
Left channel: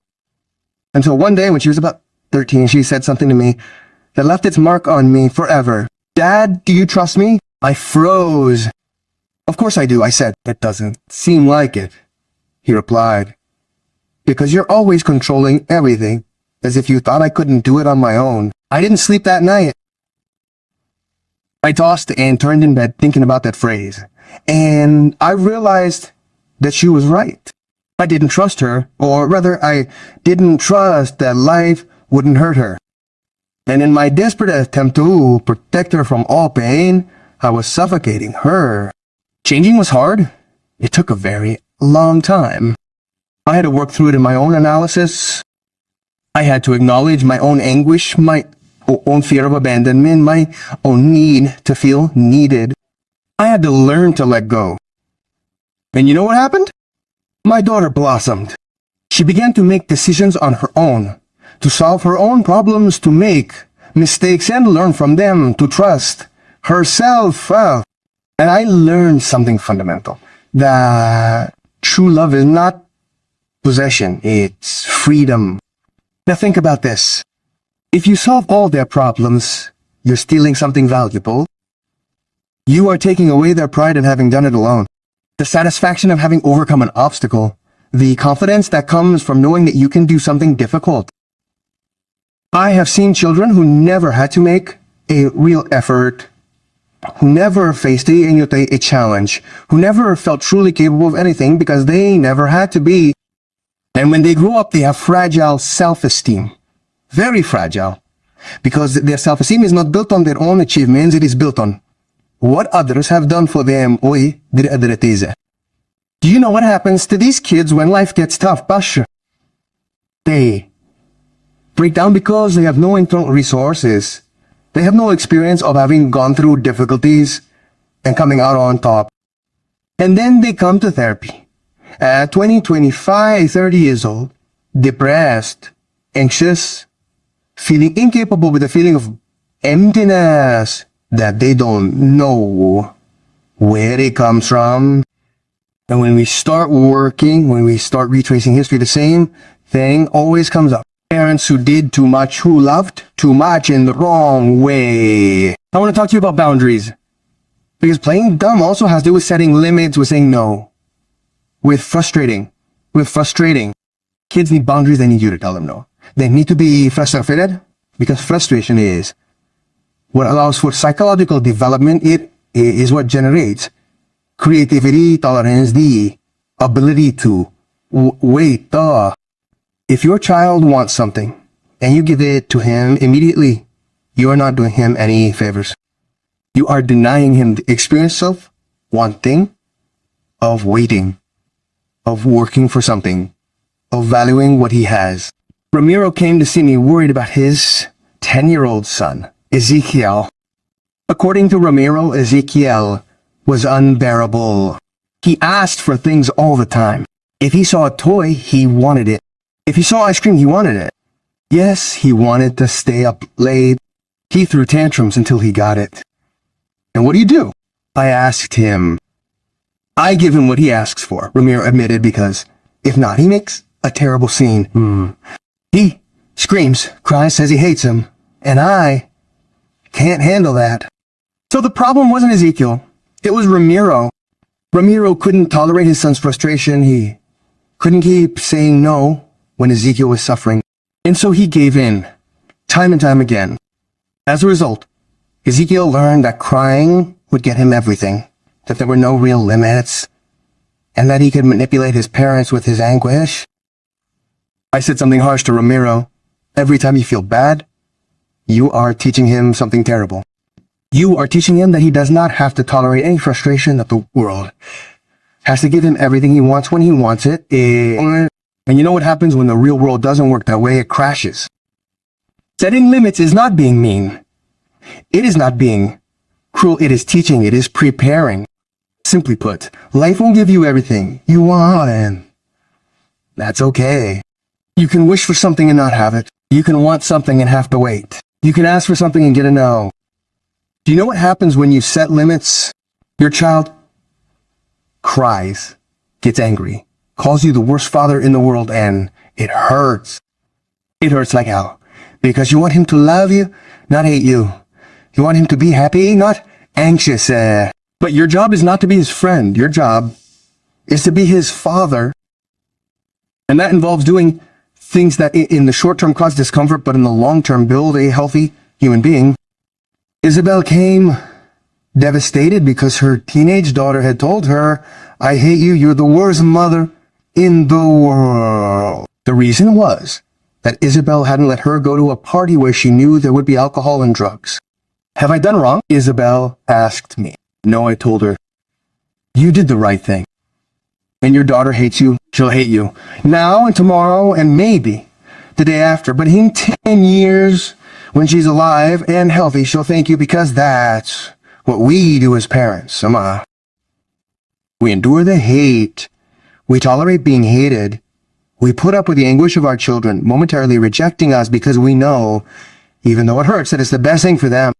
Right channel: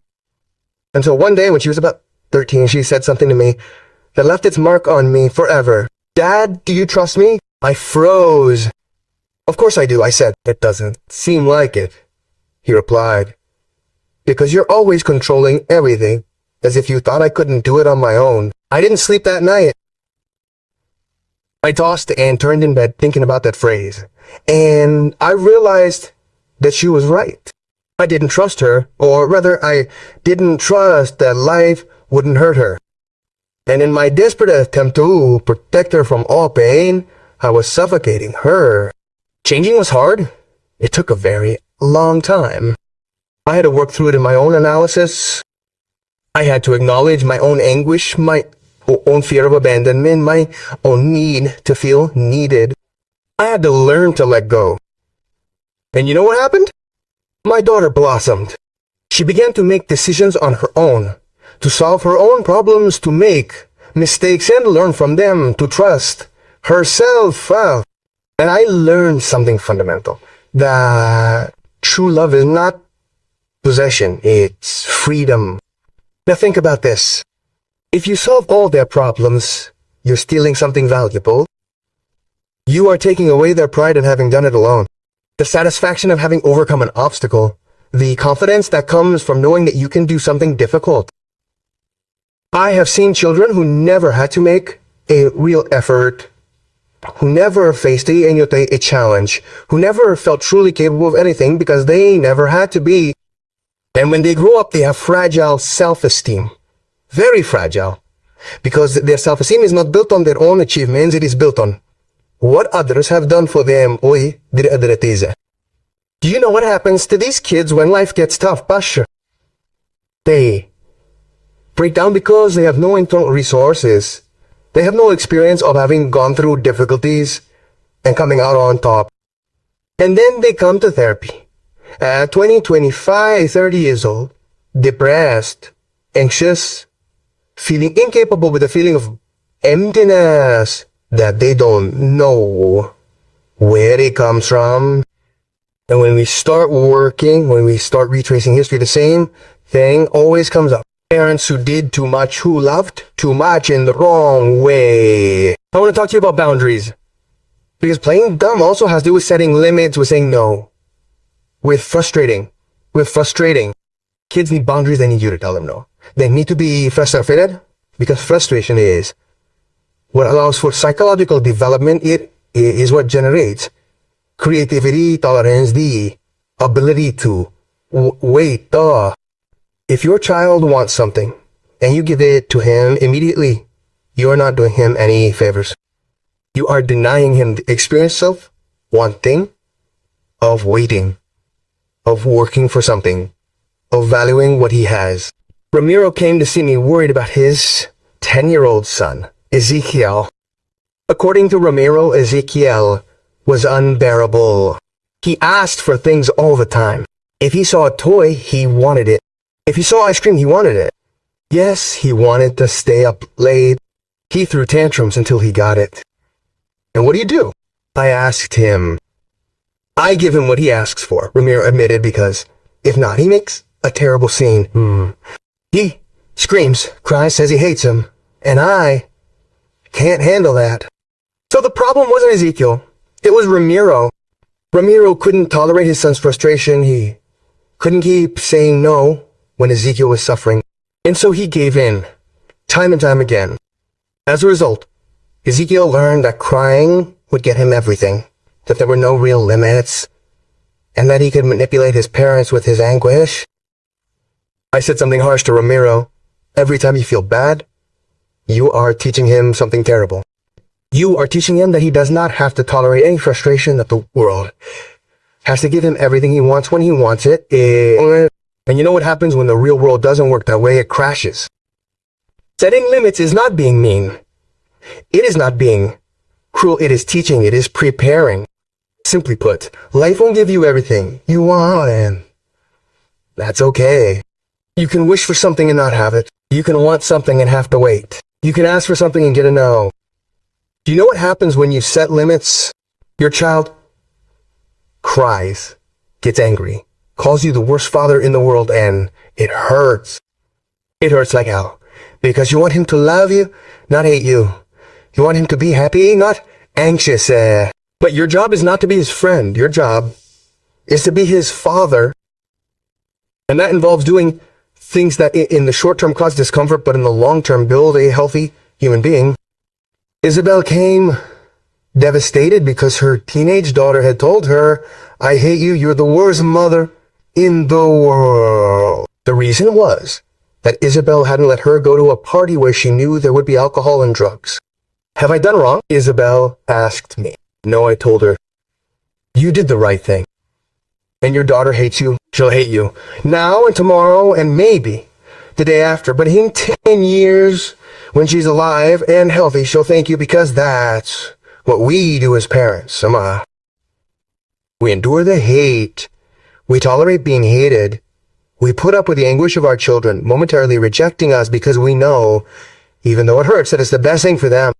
Until one day when she was about 13, she said something to me that left its mark on me forever. Dad, do you trust me? I froze. Of course I do, I said. It doesn't seem like it. He replied, because you're always controlling everything, as if you thought I couldn't do it on my own. I didn't sleep that night. I tossed and turned in bed thinking about that phrase, and I realized that she was right. I didn't trust her, or rather, I didn't trust that life wouldn't hurt her. And in my desperate attempt to protect her from all pain, I was suffocating her. Changing was hard. It took a very long time. I had to work through it in my own analysis. I had to acknowledge my own anguish, my own fear of abandonment, my own need to feel needed. I had to learn to let go. And you know what happened? My daughter blossomed. She began to make decisions on her own, to solve her own problems, to make mistakes and learn from them, to trust herself. And I learned something fundamental, that true love is not possession, it's freedom. Now think about this. If you solve all their problems, you're stealing something valuable. You are taking away their pride in having done it alone. The satisfaction of having overcome an obstacle. The confidence that comes from knowing that you can do something difficult. I have seen children who never had to make a real effort, who never faced a challenge, who never felt truly capable of anything because they never had to be. And when they grow up, they have fragile self-esteem. Very fragile. Because their self-esteem is not built on their own achievements, it is built on what others have done for them. Do you know what happens to these kids when life gets tough, Pasha? They break down because they have no internal resources. They have no experience of having gone through difficulties and coming out on top. And then they come to therapy. At 20, 25, 30 years old, depressed, anxious, feeling incapable with a feeling of emptiness that they don't know where it comes from. And when we start working, when we start retracing history, the same thing always comes up. Parents who did too much, who loved too much in the wrong way. I want to talk to you about boundaries. Because playing dumb also has to do with setting limits, with saying no. With frustrating. Kids need boundaries, they need you to tell them no. They need to be frustrated, because frustration is what allows for psychological development. It is what generates creativity, tolerance, the ability to wait. If your child wants something and you give it to him immediately, you are not doing him any favors. You are denying him the experience of wanting, of waiting, of working for something, of valuing what he has. Ramiro came to see me worried about his 10-year-old son, Ezekiel. According to Ramiro, Ezekiel was unbearable. He asked for things all the time. If he saw a toy, he wanted it. If he saw ice cream, he wanted it. Yes, he wanted to stay up late. He threw tantrums until he got it. And what do? I asked him. I give him what he asks for, Ramiro admitted, because if not, he makes a terrible scene. He screams, cries, says he hates him, and I can't handle that. So the problem wasn't Ezekiel. It was Ramiro. Ramiro couldn't tolerate his son's frustration. He couldn't keep saying no when Ezekiel was suffering. And so he gave in, time and time again. As a result, Ezekiel learned that crying would get him everything, that there were no real limits, and that he could manipulate his parents with his anguish. I said something harsh to Ramiro. Every time you feel bad, you are teaching him something terrible. You are teaching him that he does not have to tolerate any frustration, that the world has to give him everything he wants when he wants it. And you know what happens when the real world doesn't work that way? It crashes. Setting limits is not being mean. It is not being cruel. It is teaching. It is preparing. Simply put, life won't give you everything you want, and that's okay. You can wish for something and not have it. You can want something and have to wait. You can ask for something and get a no. Do you know what happens when you set limits? Your child cries, gets angry, calls you the worst father in the world, and it hurts. It hurts like hell. Because you want him to love you, not hate you. You want him to be happy, not anxious. But your job is not to be his friend. Your job is to be his father. And that involves doing things that in the short term cause discomfort, but in the long term build a healthy human being. Isabel came devastated because her teenage daughter had told her, "I hate you, you're the worst mother in the world." The reason was that Isabel hadn't let her go to a party where she knew there would be alcohol and drugs. "Have I done wrong?" Isabel asked me. No, I told her. "You did the right thing. And your daughter hates you, she'll hate you. Now and tomorrow and maybe the day after. But in 10 years, when she's alive and healthy, she'll thank you, because that's what we do as parents. We endure the hate. We tolerate being hated. We put up with the anguish of our children momentarily rejecting us because we know, even though it hurts, that it's the best thing for them.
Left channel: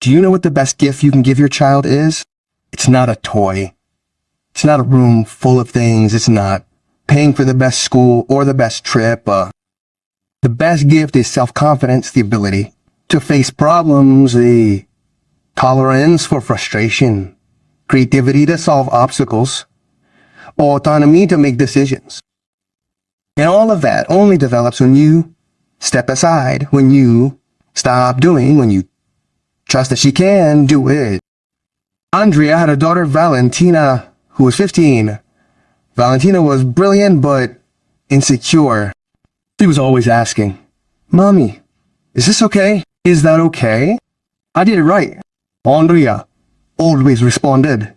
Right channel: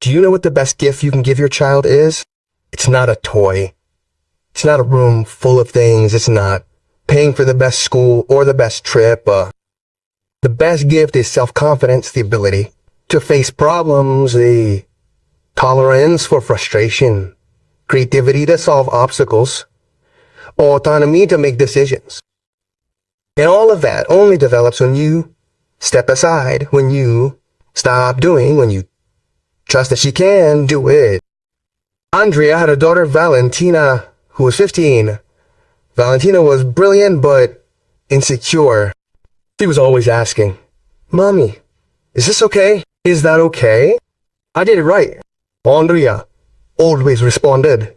Do you know what the best gift you can give your child is? It's not a toy. It's not a room full of things. It's not paying for the best school or the best trip. The best gift is self-confidence, the ability to face problems, the tolerance for frustration, creativity to solve obstacles, autonomy to make decisions. And all of that only develops when you step aside, when you stop doing, when you trust that she can do it. Andrea had a daughter, Valentina, who was 15. Valentina was brilliant, but insecure. She was always asking, "Mommy, is this okay? Is that okay? I did it right." Andrea always responded,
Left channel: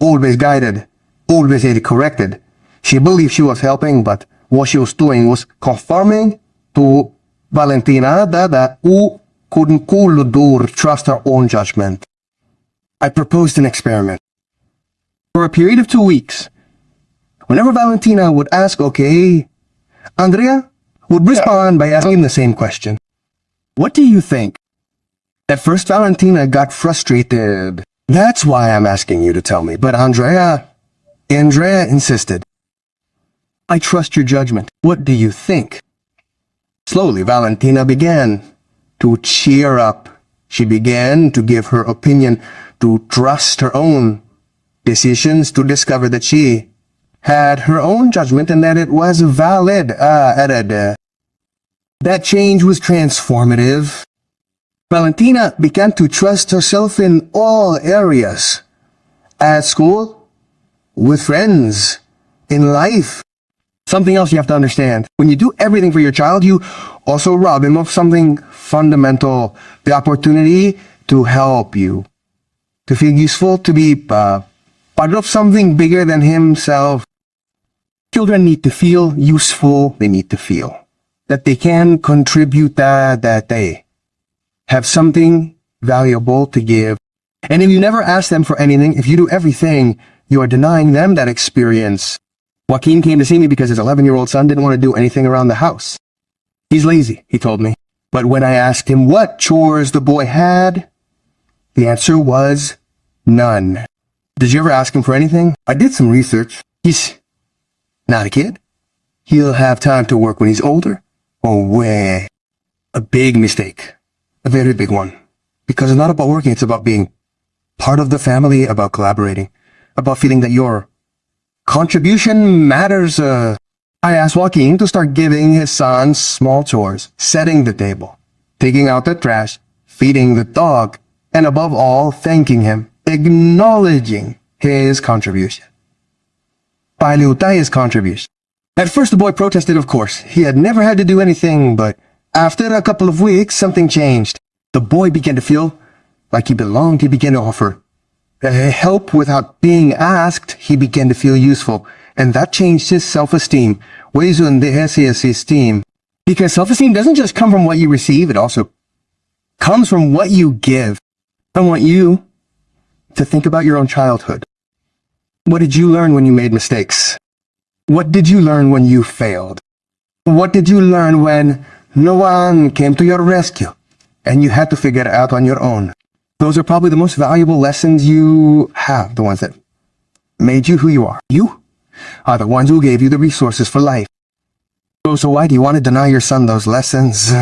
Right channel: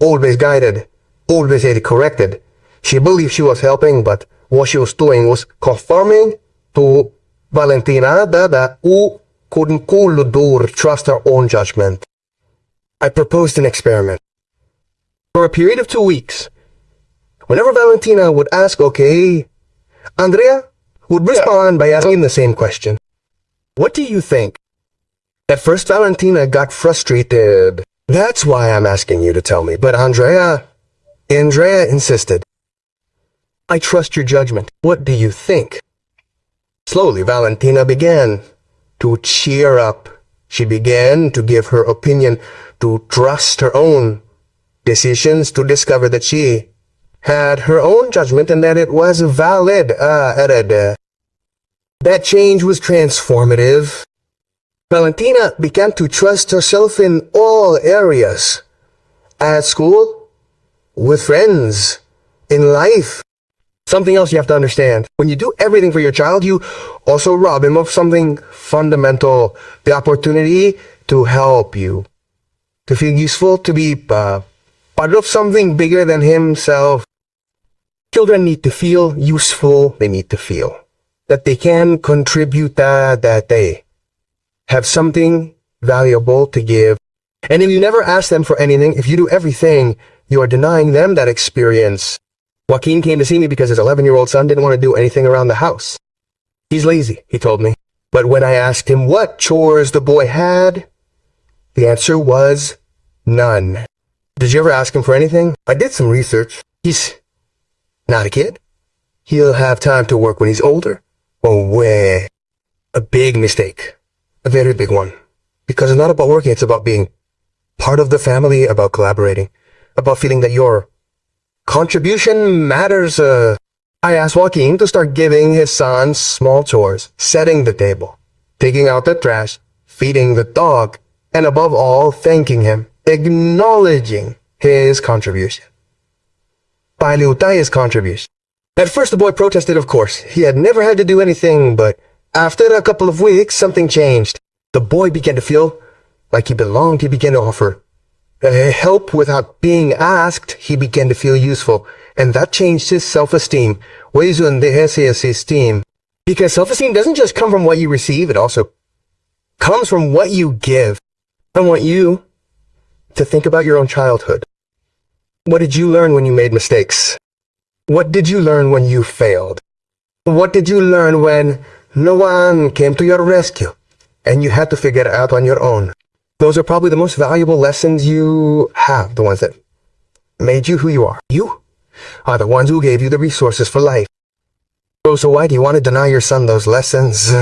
always guided, always had it corrected. She believed she was helping, but what she was doing was conforming to Valentina who couldn't trust her own judgment. I proposed an experiment. For a period of 2 weeks, whenever Valentina would ask, "Okay, Andrea, would respond by asking the same question. What do you think? At first, Valentina got frustrated. That's why I'm asking you to tell me. But Andrea insisted. I trust your judgment. What do you think? Slowly, Valentina began to cheer up. She began to give her opinion, to trust her own decisions, to discover that she had her own judgment and that it was valid. That change was transformative. Valentina began to trust herself in all areas. At school, with friends, in life. Something else you have to understand. When you do everything for your child, you also rob him of something fundamental. The opportunity to help you. To feel useful, to be part of something bigger than himself. Children need to feel useful. They need to feel that they can contribute, that they have something valuable to give. And if you never ask them for anything, if you do everything, you are denying them that experience. Joaquin came to see me because his 11-year-old son didn't want to do anything around the house. He's lazy, he told me. But when I asked him what chores the boy had, the answer was none. Did you ever ask him for anything? I did some research. He's not a kid. He'll have time to work when he's older. Oh, way. A big mistake. A very big one. Because it's not about working, it's about being part of the family, about collaborating, about feeling that your contribution matters. I asked Joaquin to start giving his son small chores, setting the table, taking out the trash, feeding the dog, and above all, thanking him, acknowledging his contribution. Paluta his contribution. At first the boy protested, of course. He had never had to do anything, but after a couple of weeks, something changed. The boy began to feel like he belonged. He began to offer help without being asked. He began to feel useful. And that changed his self-esteem. Because self-esteem doesn't just come from what you receive, it also comes from what you give. I want you to think about your own childhood. What did you learn when you made mistakes? What did you learn when you failed? What did you learn when no one came to your rescue and you had to figure it out on your own? Those are probably the most valuable lessons you have, the ones that made you who you are. You are the ones who gave you the resources for life. So why do you want to deny your son those lessons?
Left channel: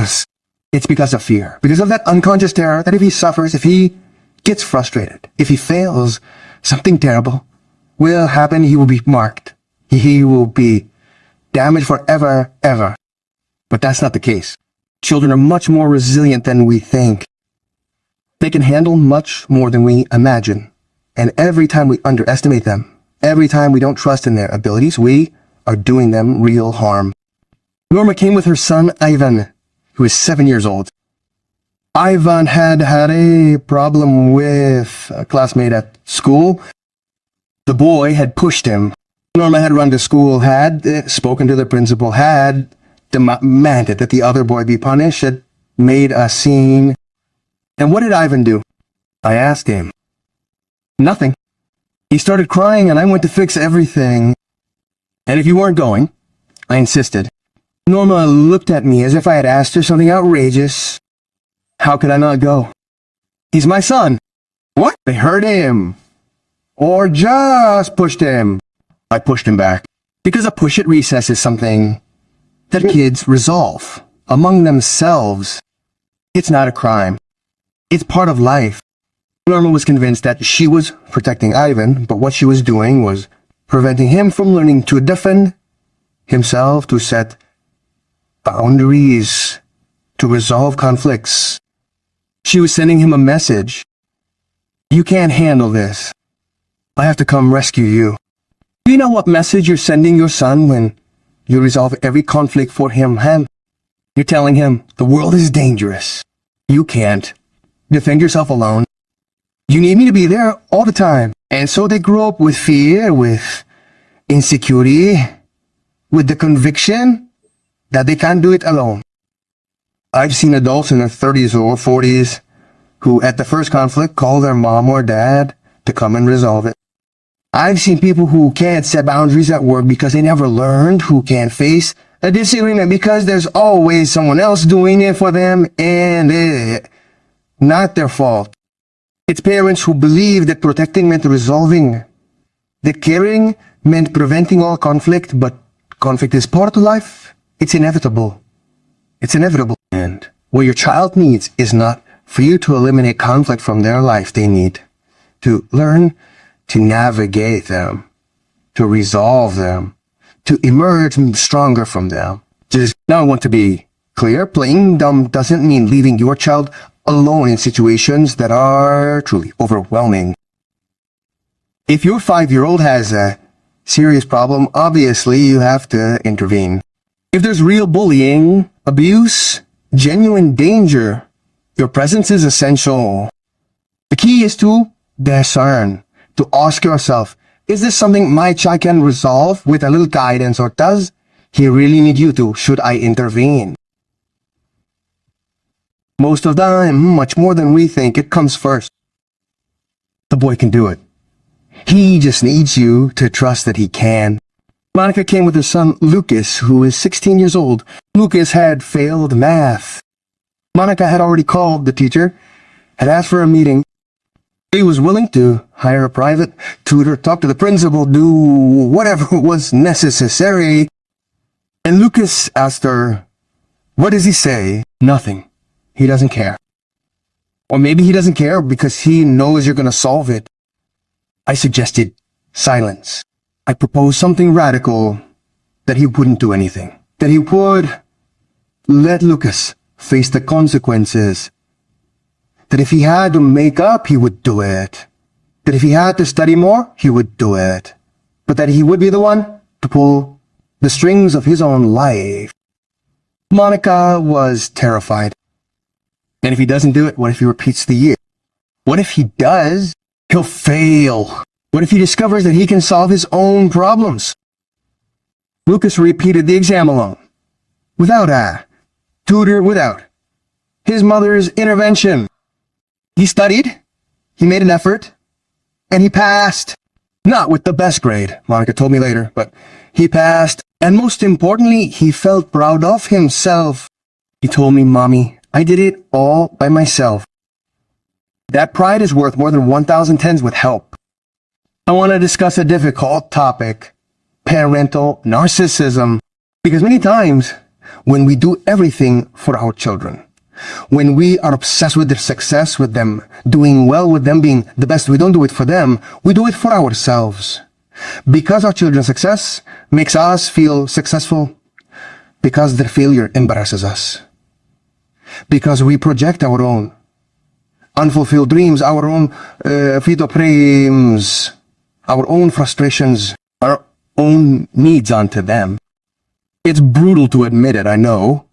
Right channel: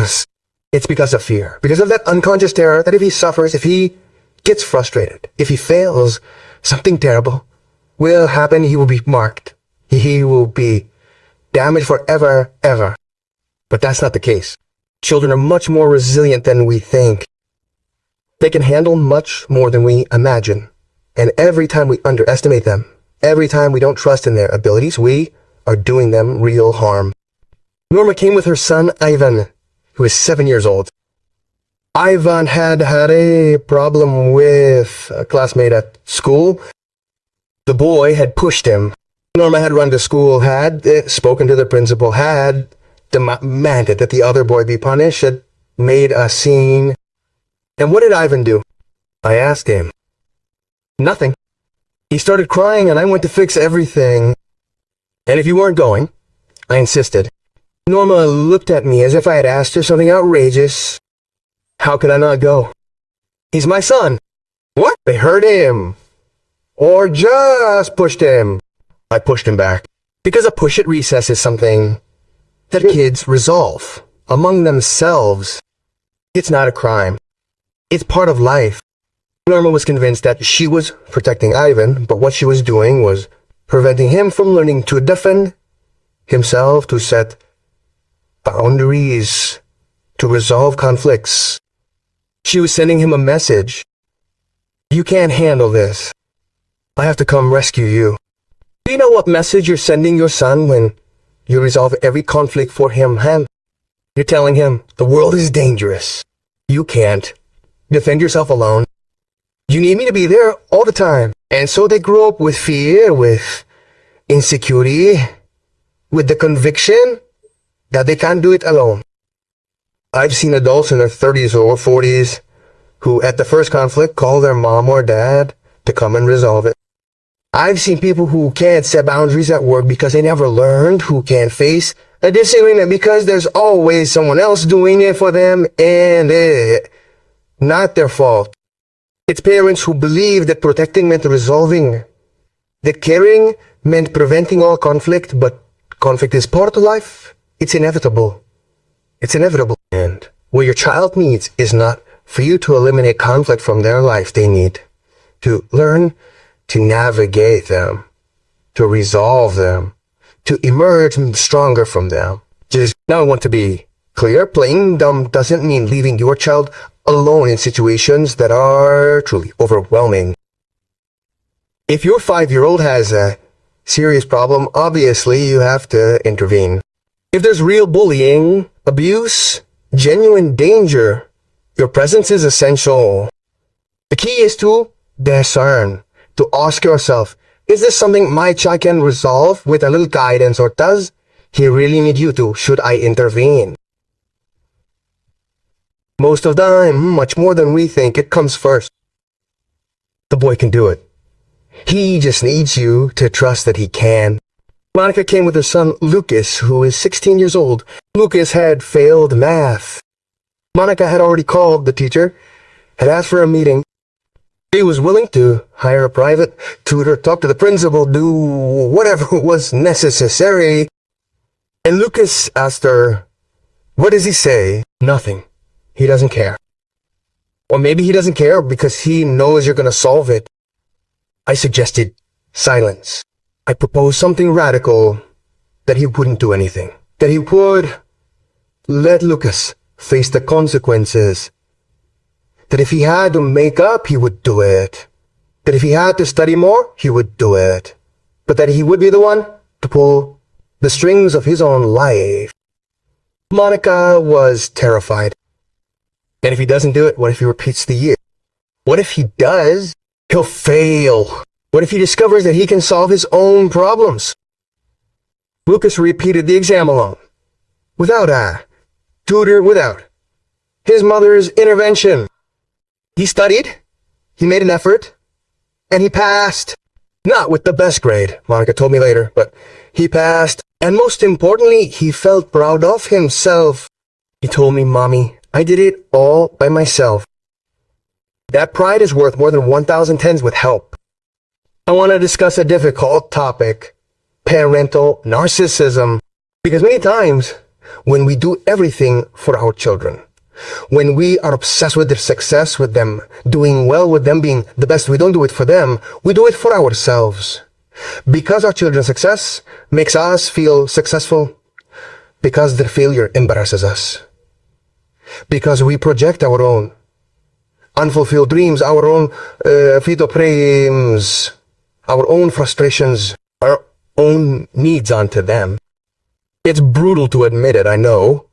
It's because of fear. Because of that unconscious terror that if he suffers, if he gets frustrated, if he fails, something terrible will happen. He will be marked. He will be damaged forever, ever. But that's not the case. Children are much more resilient than we think. They can handle much more than we imagine. And every time we underestimate them, every time we don't trust in their abilities, we are doing them real harm. Norma came with her son, Ivan, who is 7 years old. Ivan had a problem with a classmate at school. The boy had pushed him. Norma had run to school, had spoken to the principal, had demanded that the other boy be punished, had made a scene. And what did Ivan do? I asked him. Nothing. He started crying and I went to fix everything. And if you weren't going, I insisted. Norma looked at me as if I had asked her something outrageous. How could I not go? He's my son. What? They hurt him. Or just pushed him. I pushed him back. Because a push at recess is something that kids resolve among themselves. It's not a crime. It's part of life. Norma was convinced that she was protecting Ivan, but what she was doing was preventing him from learning to defend himself, to set boundaries, to resolve conflicts. She was sending him a message. You can't handle this. I have to come rescue you. Do you know what message you're sending your son when you resolve every conflict for him? You're telling him the world is dangerous. You can't defend yourself alone. You need me to be there all the time. And so they grow up with fear, with insecurity, with the conviction that they can't do it alone. I've seen adults in their 30s or 40s who at the first conflict call their mom or dad to come and resolve it. I've seen people who can't set boundaries at work because they never learned, who can't face a disagreement because there's always someone else doing it for them and it's not their fault. It's parents who believe that protecting meant resolving, that caring meant preventing all conflict, but conflict is part of life. It's inevitable. It's inevitable. And what your child needs is not for you to eliminate conflict from their life. They need to learn to navigate them, to resolve them, to emerge stronger from them. Just now I want to be clear. Playing dumb doesn't mean leaving your child alone in situations that are truly overwhelming. If your 5-year-old has a serious problem, obviously you have to intervene. If there's real bullying, abuse, genuine danger, your presence is essential. The key is to discern, to ask yourself, is this something my child can resolve with a little guidance, or does he really need you to? Should I intervene? Most of the time, much more than we think, it comes first. The boy can do it. He just needs you to trust that he can. Monica came with her son Lucas, who is 16 years old. Lucas had failed math. Monica had already called the teacher, had asked for a meeting. He was willing to hire a private tutor, talk to the principal, do whatever was necessary. And Lucas asked her, what does he say? Nothing. He doesn't care. Or maybe he doesn't care because he knows you're going to solve it. I suggested silence. I proposed something radical, that he wouldn't do anything. That he would let Lucas face the consequences. That if he had to make up, he would do it. That if he had to study more, he would do it. But that he would be the one to pull the strings of his own life. Monica was terrified. And if he doesn't do it, what if he repeats the year? What if he does? He'll fail. What if he discovers that he can solve his own problems? Lucas repeated the exam alone, without a tutor, without his mother's intervention. He studied, he made an effort, and he passed. Not with the best grade, Monica told me later, but he passed. And most importantly, he felt proud of himself. He told me, Mommy, I did it all by myself. That pride is worth more than 1,000 tens with help. I want to discuss a difficult topic, parental narcissism, because many times when we do everything for our children, when we are obsessed with their success, with them doing well, with them being the best, we don't do it for them, we do it for ourselves. Because our children's success makes us feel successful, because their failure embarrasses us, because we project our own unfulfilled dreams, our own fetal dreams, our own frustrations, our own needs onto them. It's brutal to admit it, I know,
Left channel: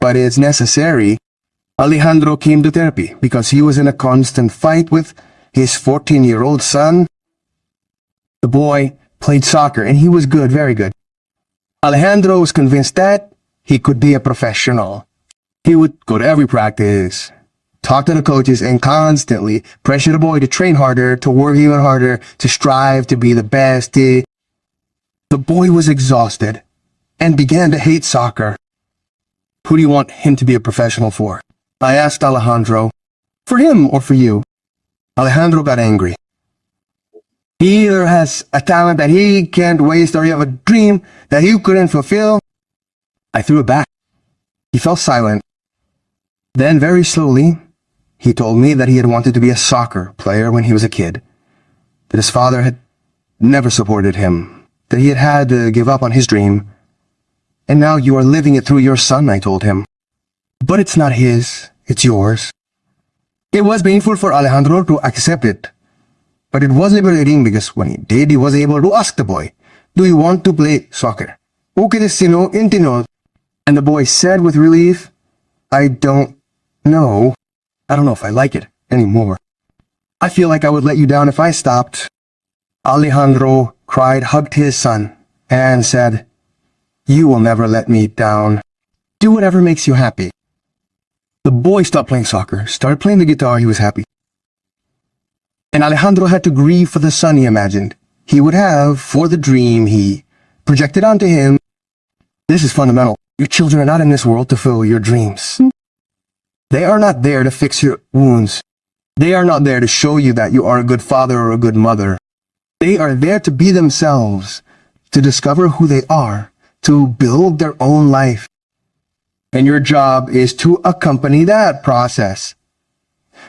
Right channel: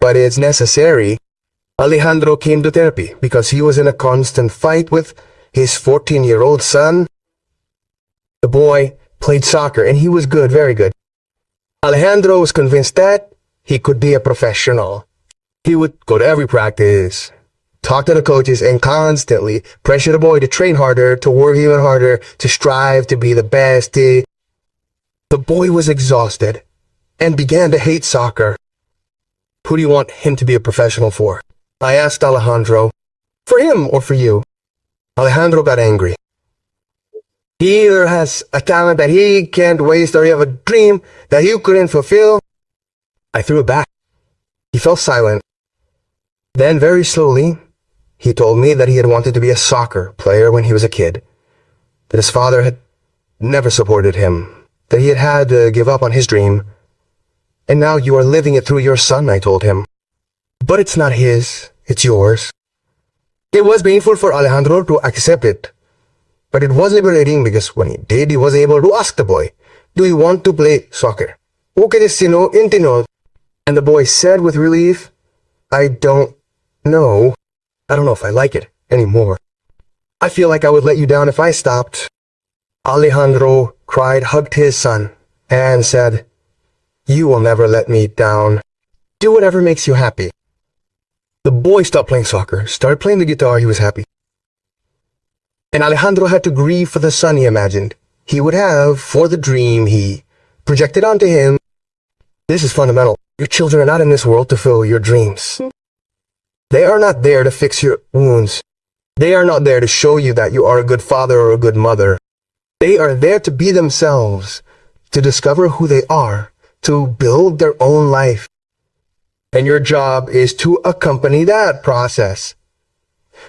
but it's necessary. Alejandro came to therapy because he was in a constant fight with his 14-year-old son. The boy played soccer and he was good, very good. Alejandro was convinced that he could be a professional. He would go to every practice, talk to the coaches, and constantly pressure the boy to train harder, to work even harder, to strive to be the best. The boy was exhausted and began to hate soccer. Who do you want him to be a professional for? I asked Alejandro. For him or for you? Alejandro got angry. He either has a talent that he can't waste, or you have a dream that you couldn't fulfill. I threw it back. He fell silent. Then very slowly, he told me that he had wanted to be a soccer player when he was a kid, that his father had never supported him, that he had had to give up on his dream. And now you are living it through your son, I told him. But it's not his, it's yours. It was painful for Alejandro to accept it, but it was liberating because when he did, he was able to ask the boy, do you want to play soccer? Okay, and the boy said with relief, I don't know. I don't know if I like it anymore. I feel like I would let you down if I stopped. Alejandro cried, hugged his son, and said, you will never let me down. Do whatever makes you happy. The boy stopped playing soccer, started playing the guitar. He was happy. And Alejandro had to grieve for the son he imagined. he would have for the dream he projected onto him. This is fundamental. Your children are not in this world to fill your dreams. They are not there to fix your wounds. They are not there to show you that you are a good father or a good mother. They are there to be themselves, to discover who they are, to build their own life. And your job is to accompany that process.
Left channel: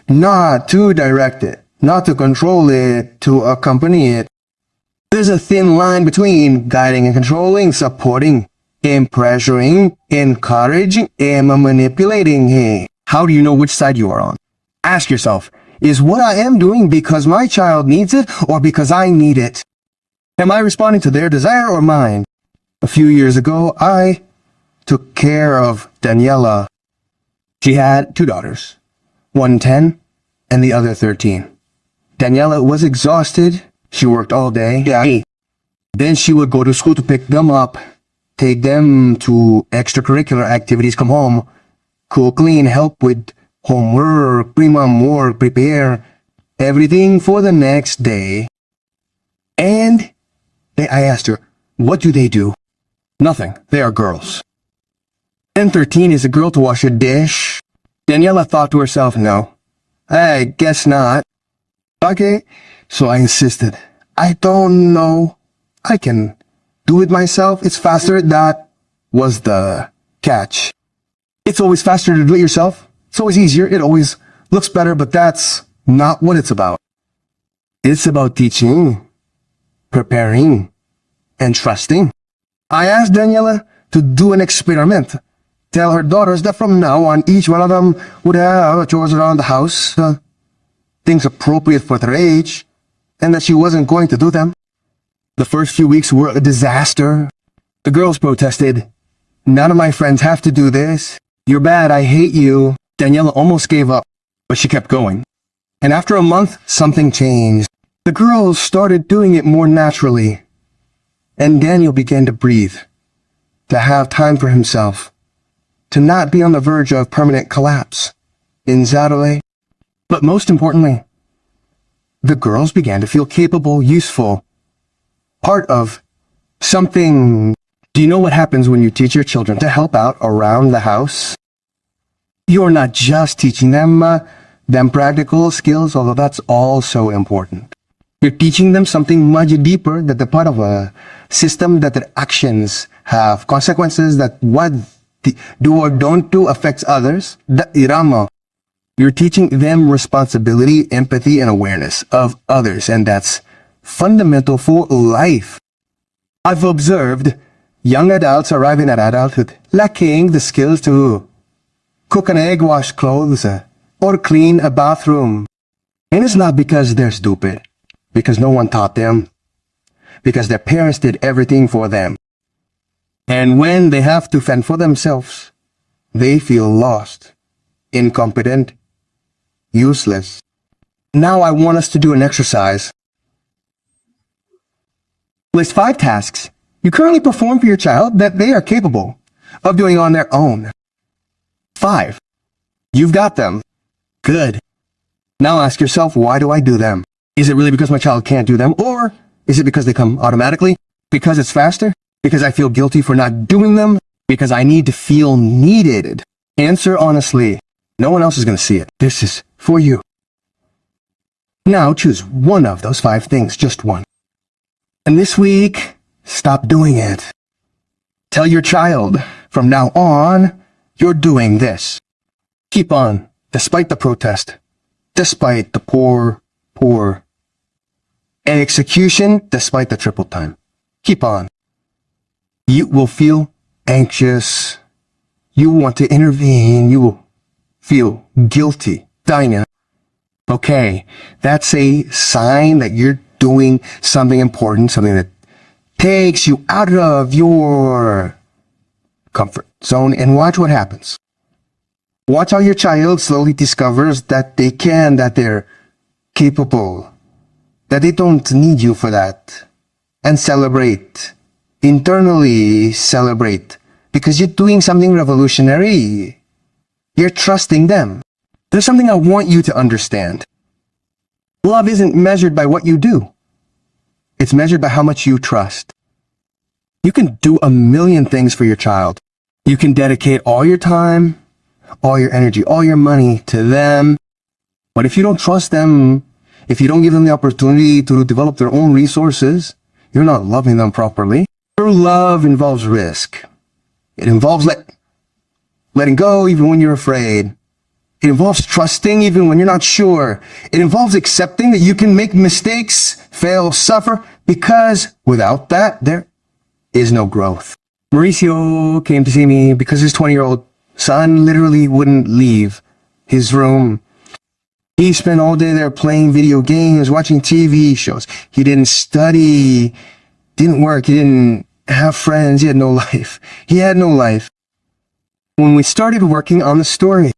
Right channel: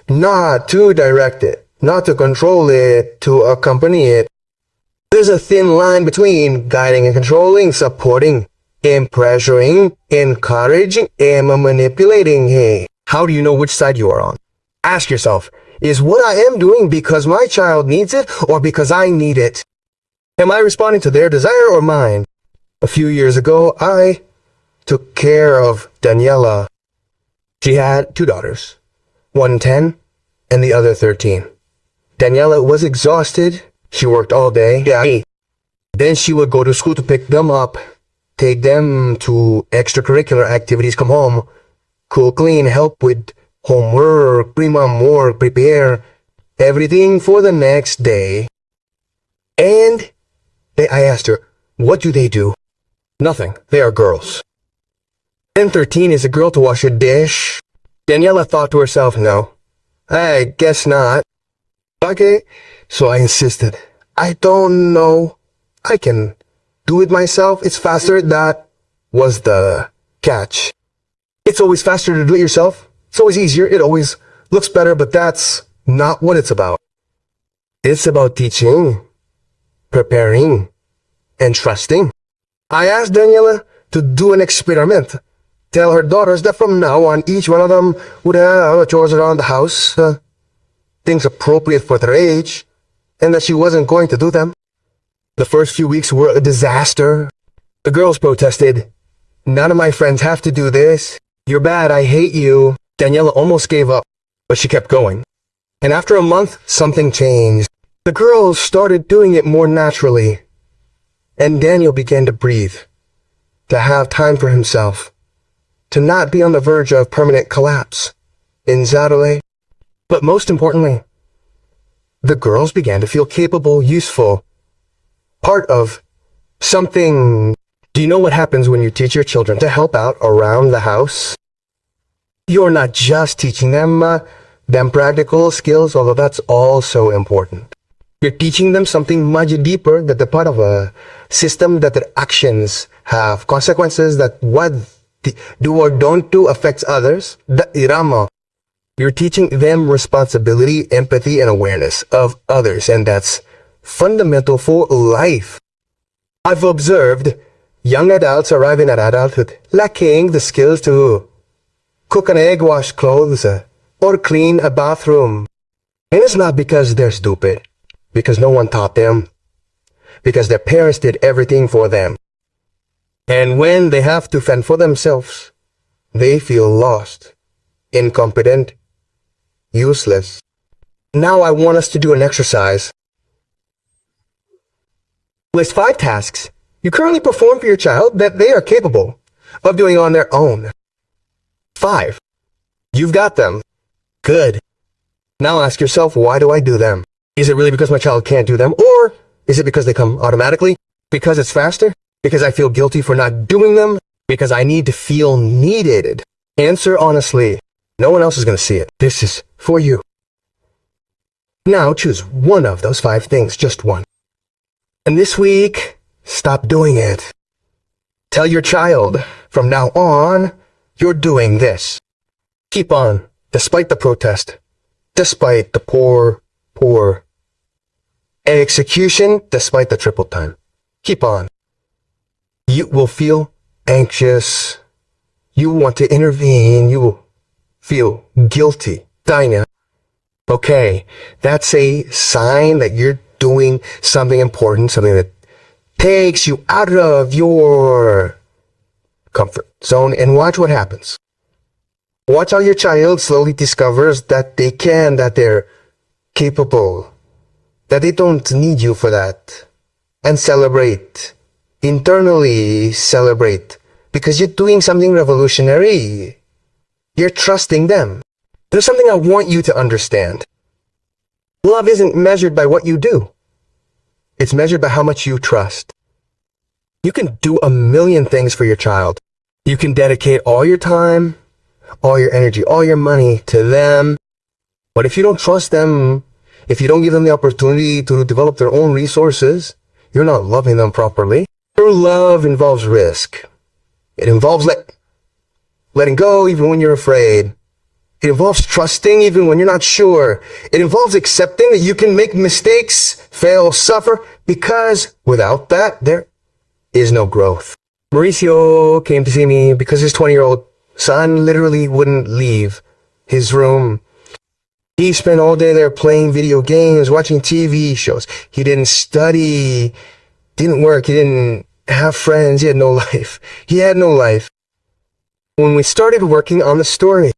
Not to direct it, not to control it, to accompany it. There's a thin line between guiding and controlling, supporting, and pressuring, encouraging, and manipulating. Hey, how do you know which side you are on? Ask yourself, is what I am doing because my child needs it or because I need it? Am I responding to their desire or mine? A few years ago, I took care of Daniela. She had 2 daughters, one 10 and the other 13. Daniela was exhausted. She worked all day. Yeah. Then she would go to school to pick them up, take them to extracurricular activities, come home, cook, clean, help with homework, pre-mom work, prepare everything for the next day. And I asked her, what do they do? Nothing. They are girls. And 13 is a girl to wash a dish. Daniela thought to herself, no, I guess not. Okay, so I insisted. I don't know. I can do it myself. It's faster. That was the catch. It's always faster to do it yourself. It's always easier. It always looks better, but that's not what it's about. It's about teaching, preparing, and trusting. I asked Daniela to do an experiment. Tell her daughters that from now on, each one of them would have chores around the house, things appropriate for their age, and that she wasn't going to do them. The first few weeks were a disaster. The girls protested. None of my friends have to do this. You're bad. I hate you. Daniela almost gave up, but she kept going. And after a month, something changed. The girls started doing it more naturally. And Daniel began to breathe, to have time for himself, to not be on the verge of permanent collapse. In Zadole. But most importantly, the girls began to feel capable, useful, part of something. Do you know what happens when you teach your children to help out around the house? You're not just teaching them practical skills, although that's also important. You're teaching them something much deeper, that they're part of a system, that their actions have consequences, that what they do or don't do affects others. You're teaching them responsibility, empathy, and awareness of others, and that's fundamental for life. I've observed young adults arriving at adulthood lacking the skills to cook an egg, wash clothes, or clean a bathroom. And it's not because they're stupid, because no one taught them, because their parents did everything for them. And when they have to fend for themselves, they feel lost, incompetent, useless. Now I want us to do an exercise. List 5 tasks you currently perform for your child that they are capable of doing on their own. 5. You've got them. Good. Now ask yourself, why do I do them? Is it really because my child can't do them? Or is it because they come automatically? Because it's faster? Because I feel guilty for not doing them? Because I need to feel needed? Answer honestly. No one else is going to see it. This is for you. Now choose one of those 5 things, just one. And this week, stop doing it. Tell your child, from now on, you're doing this. Keep on, despite the protest, despite the poor execution, despite the triple time. Keep on. You will feel anxious. You want to intervene. You will feel guilty. Dinah. Okay, that's a sign that you're doing something important, something that takes you out of your comfort zone, and watch what happens. Watch how your child slowly discovers that they can, that they're capable, that they don't need you for that. And celebrate. Internally celebrate. Because you're doing something revolutionary. You're trusting them. There's something I want you to understand. Love isn't measured by what you do. It's measured by how much you trust. You can do a million things for your child. You can dedicate all your time, all your energy, all your money to them. But if you don't trust them, if you don't give them the opportunity to develop their own resources, you're not loving them properly. True love involves risk. It involves letting go even when you're afraid. It involves trusting even when you're not sure. It involves accepting that you can make mistakes, fail, suffer, because without that, there is no growth. Mauricio came to see me because his 20-year-old son literally wouldn't leave his room. He spent all day there playing video games, watching TV shows. He didn't study, didn't work, he didn't have friends, he had no life. He had no life. When we started working on the story,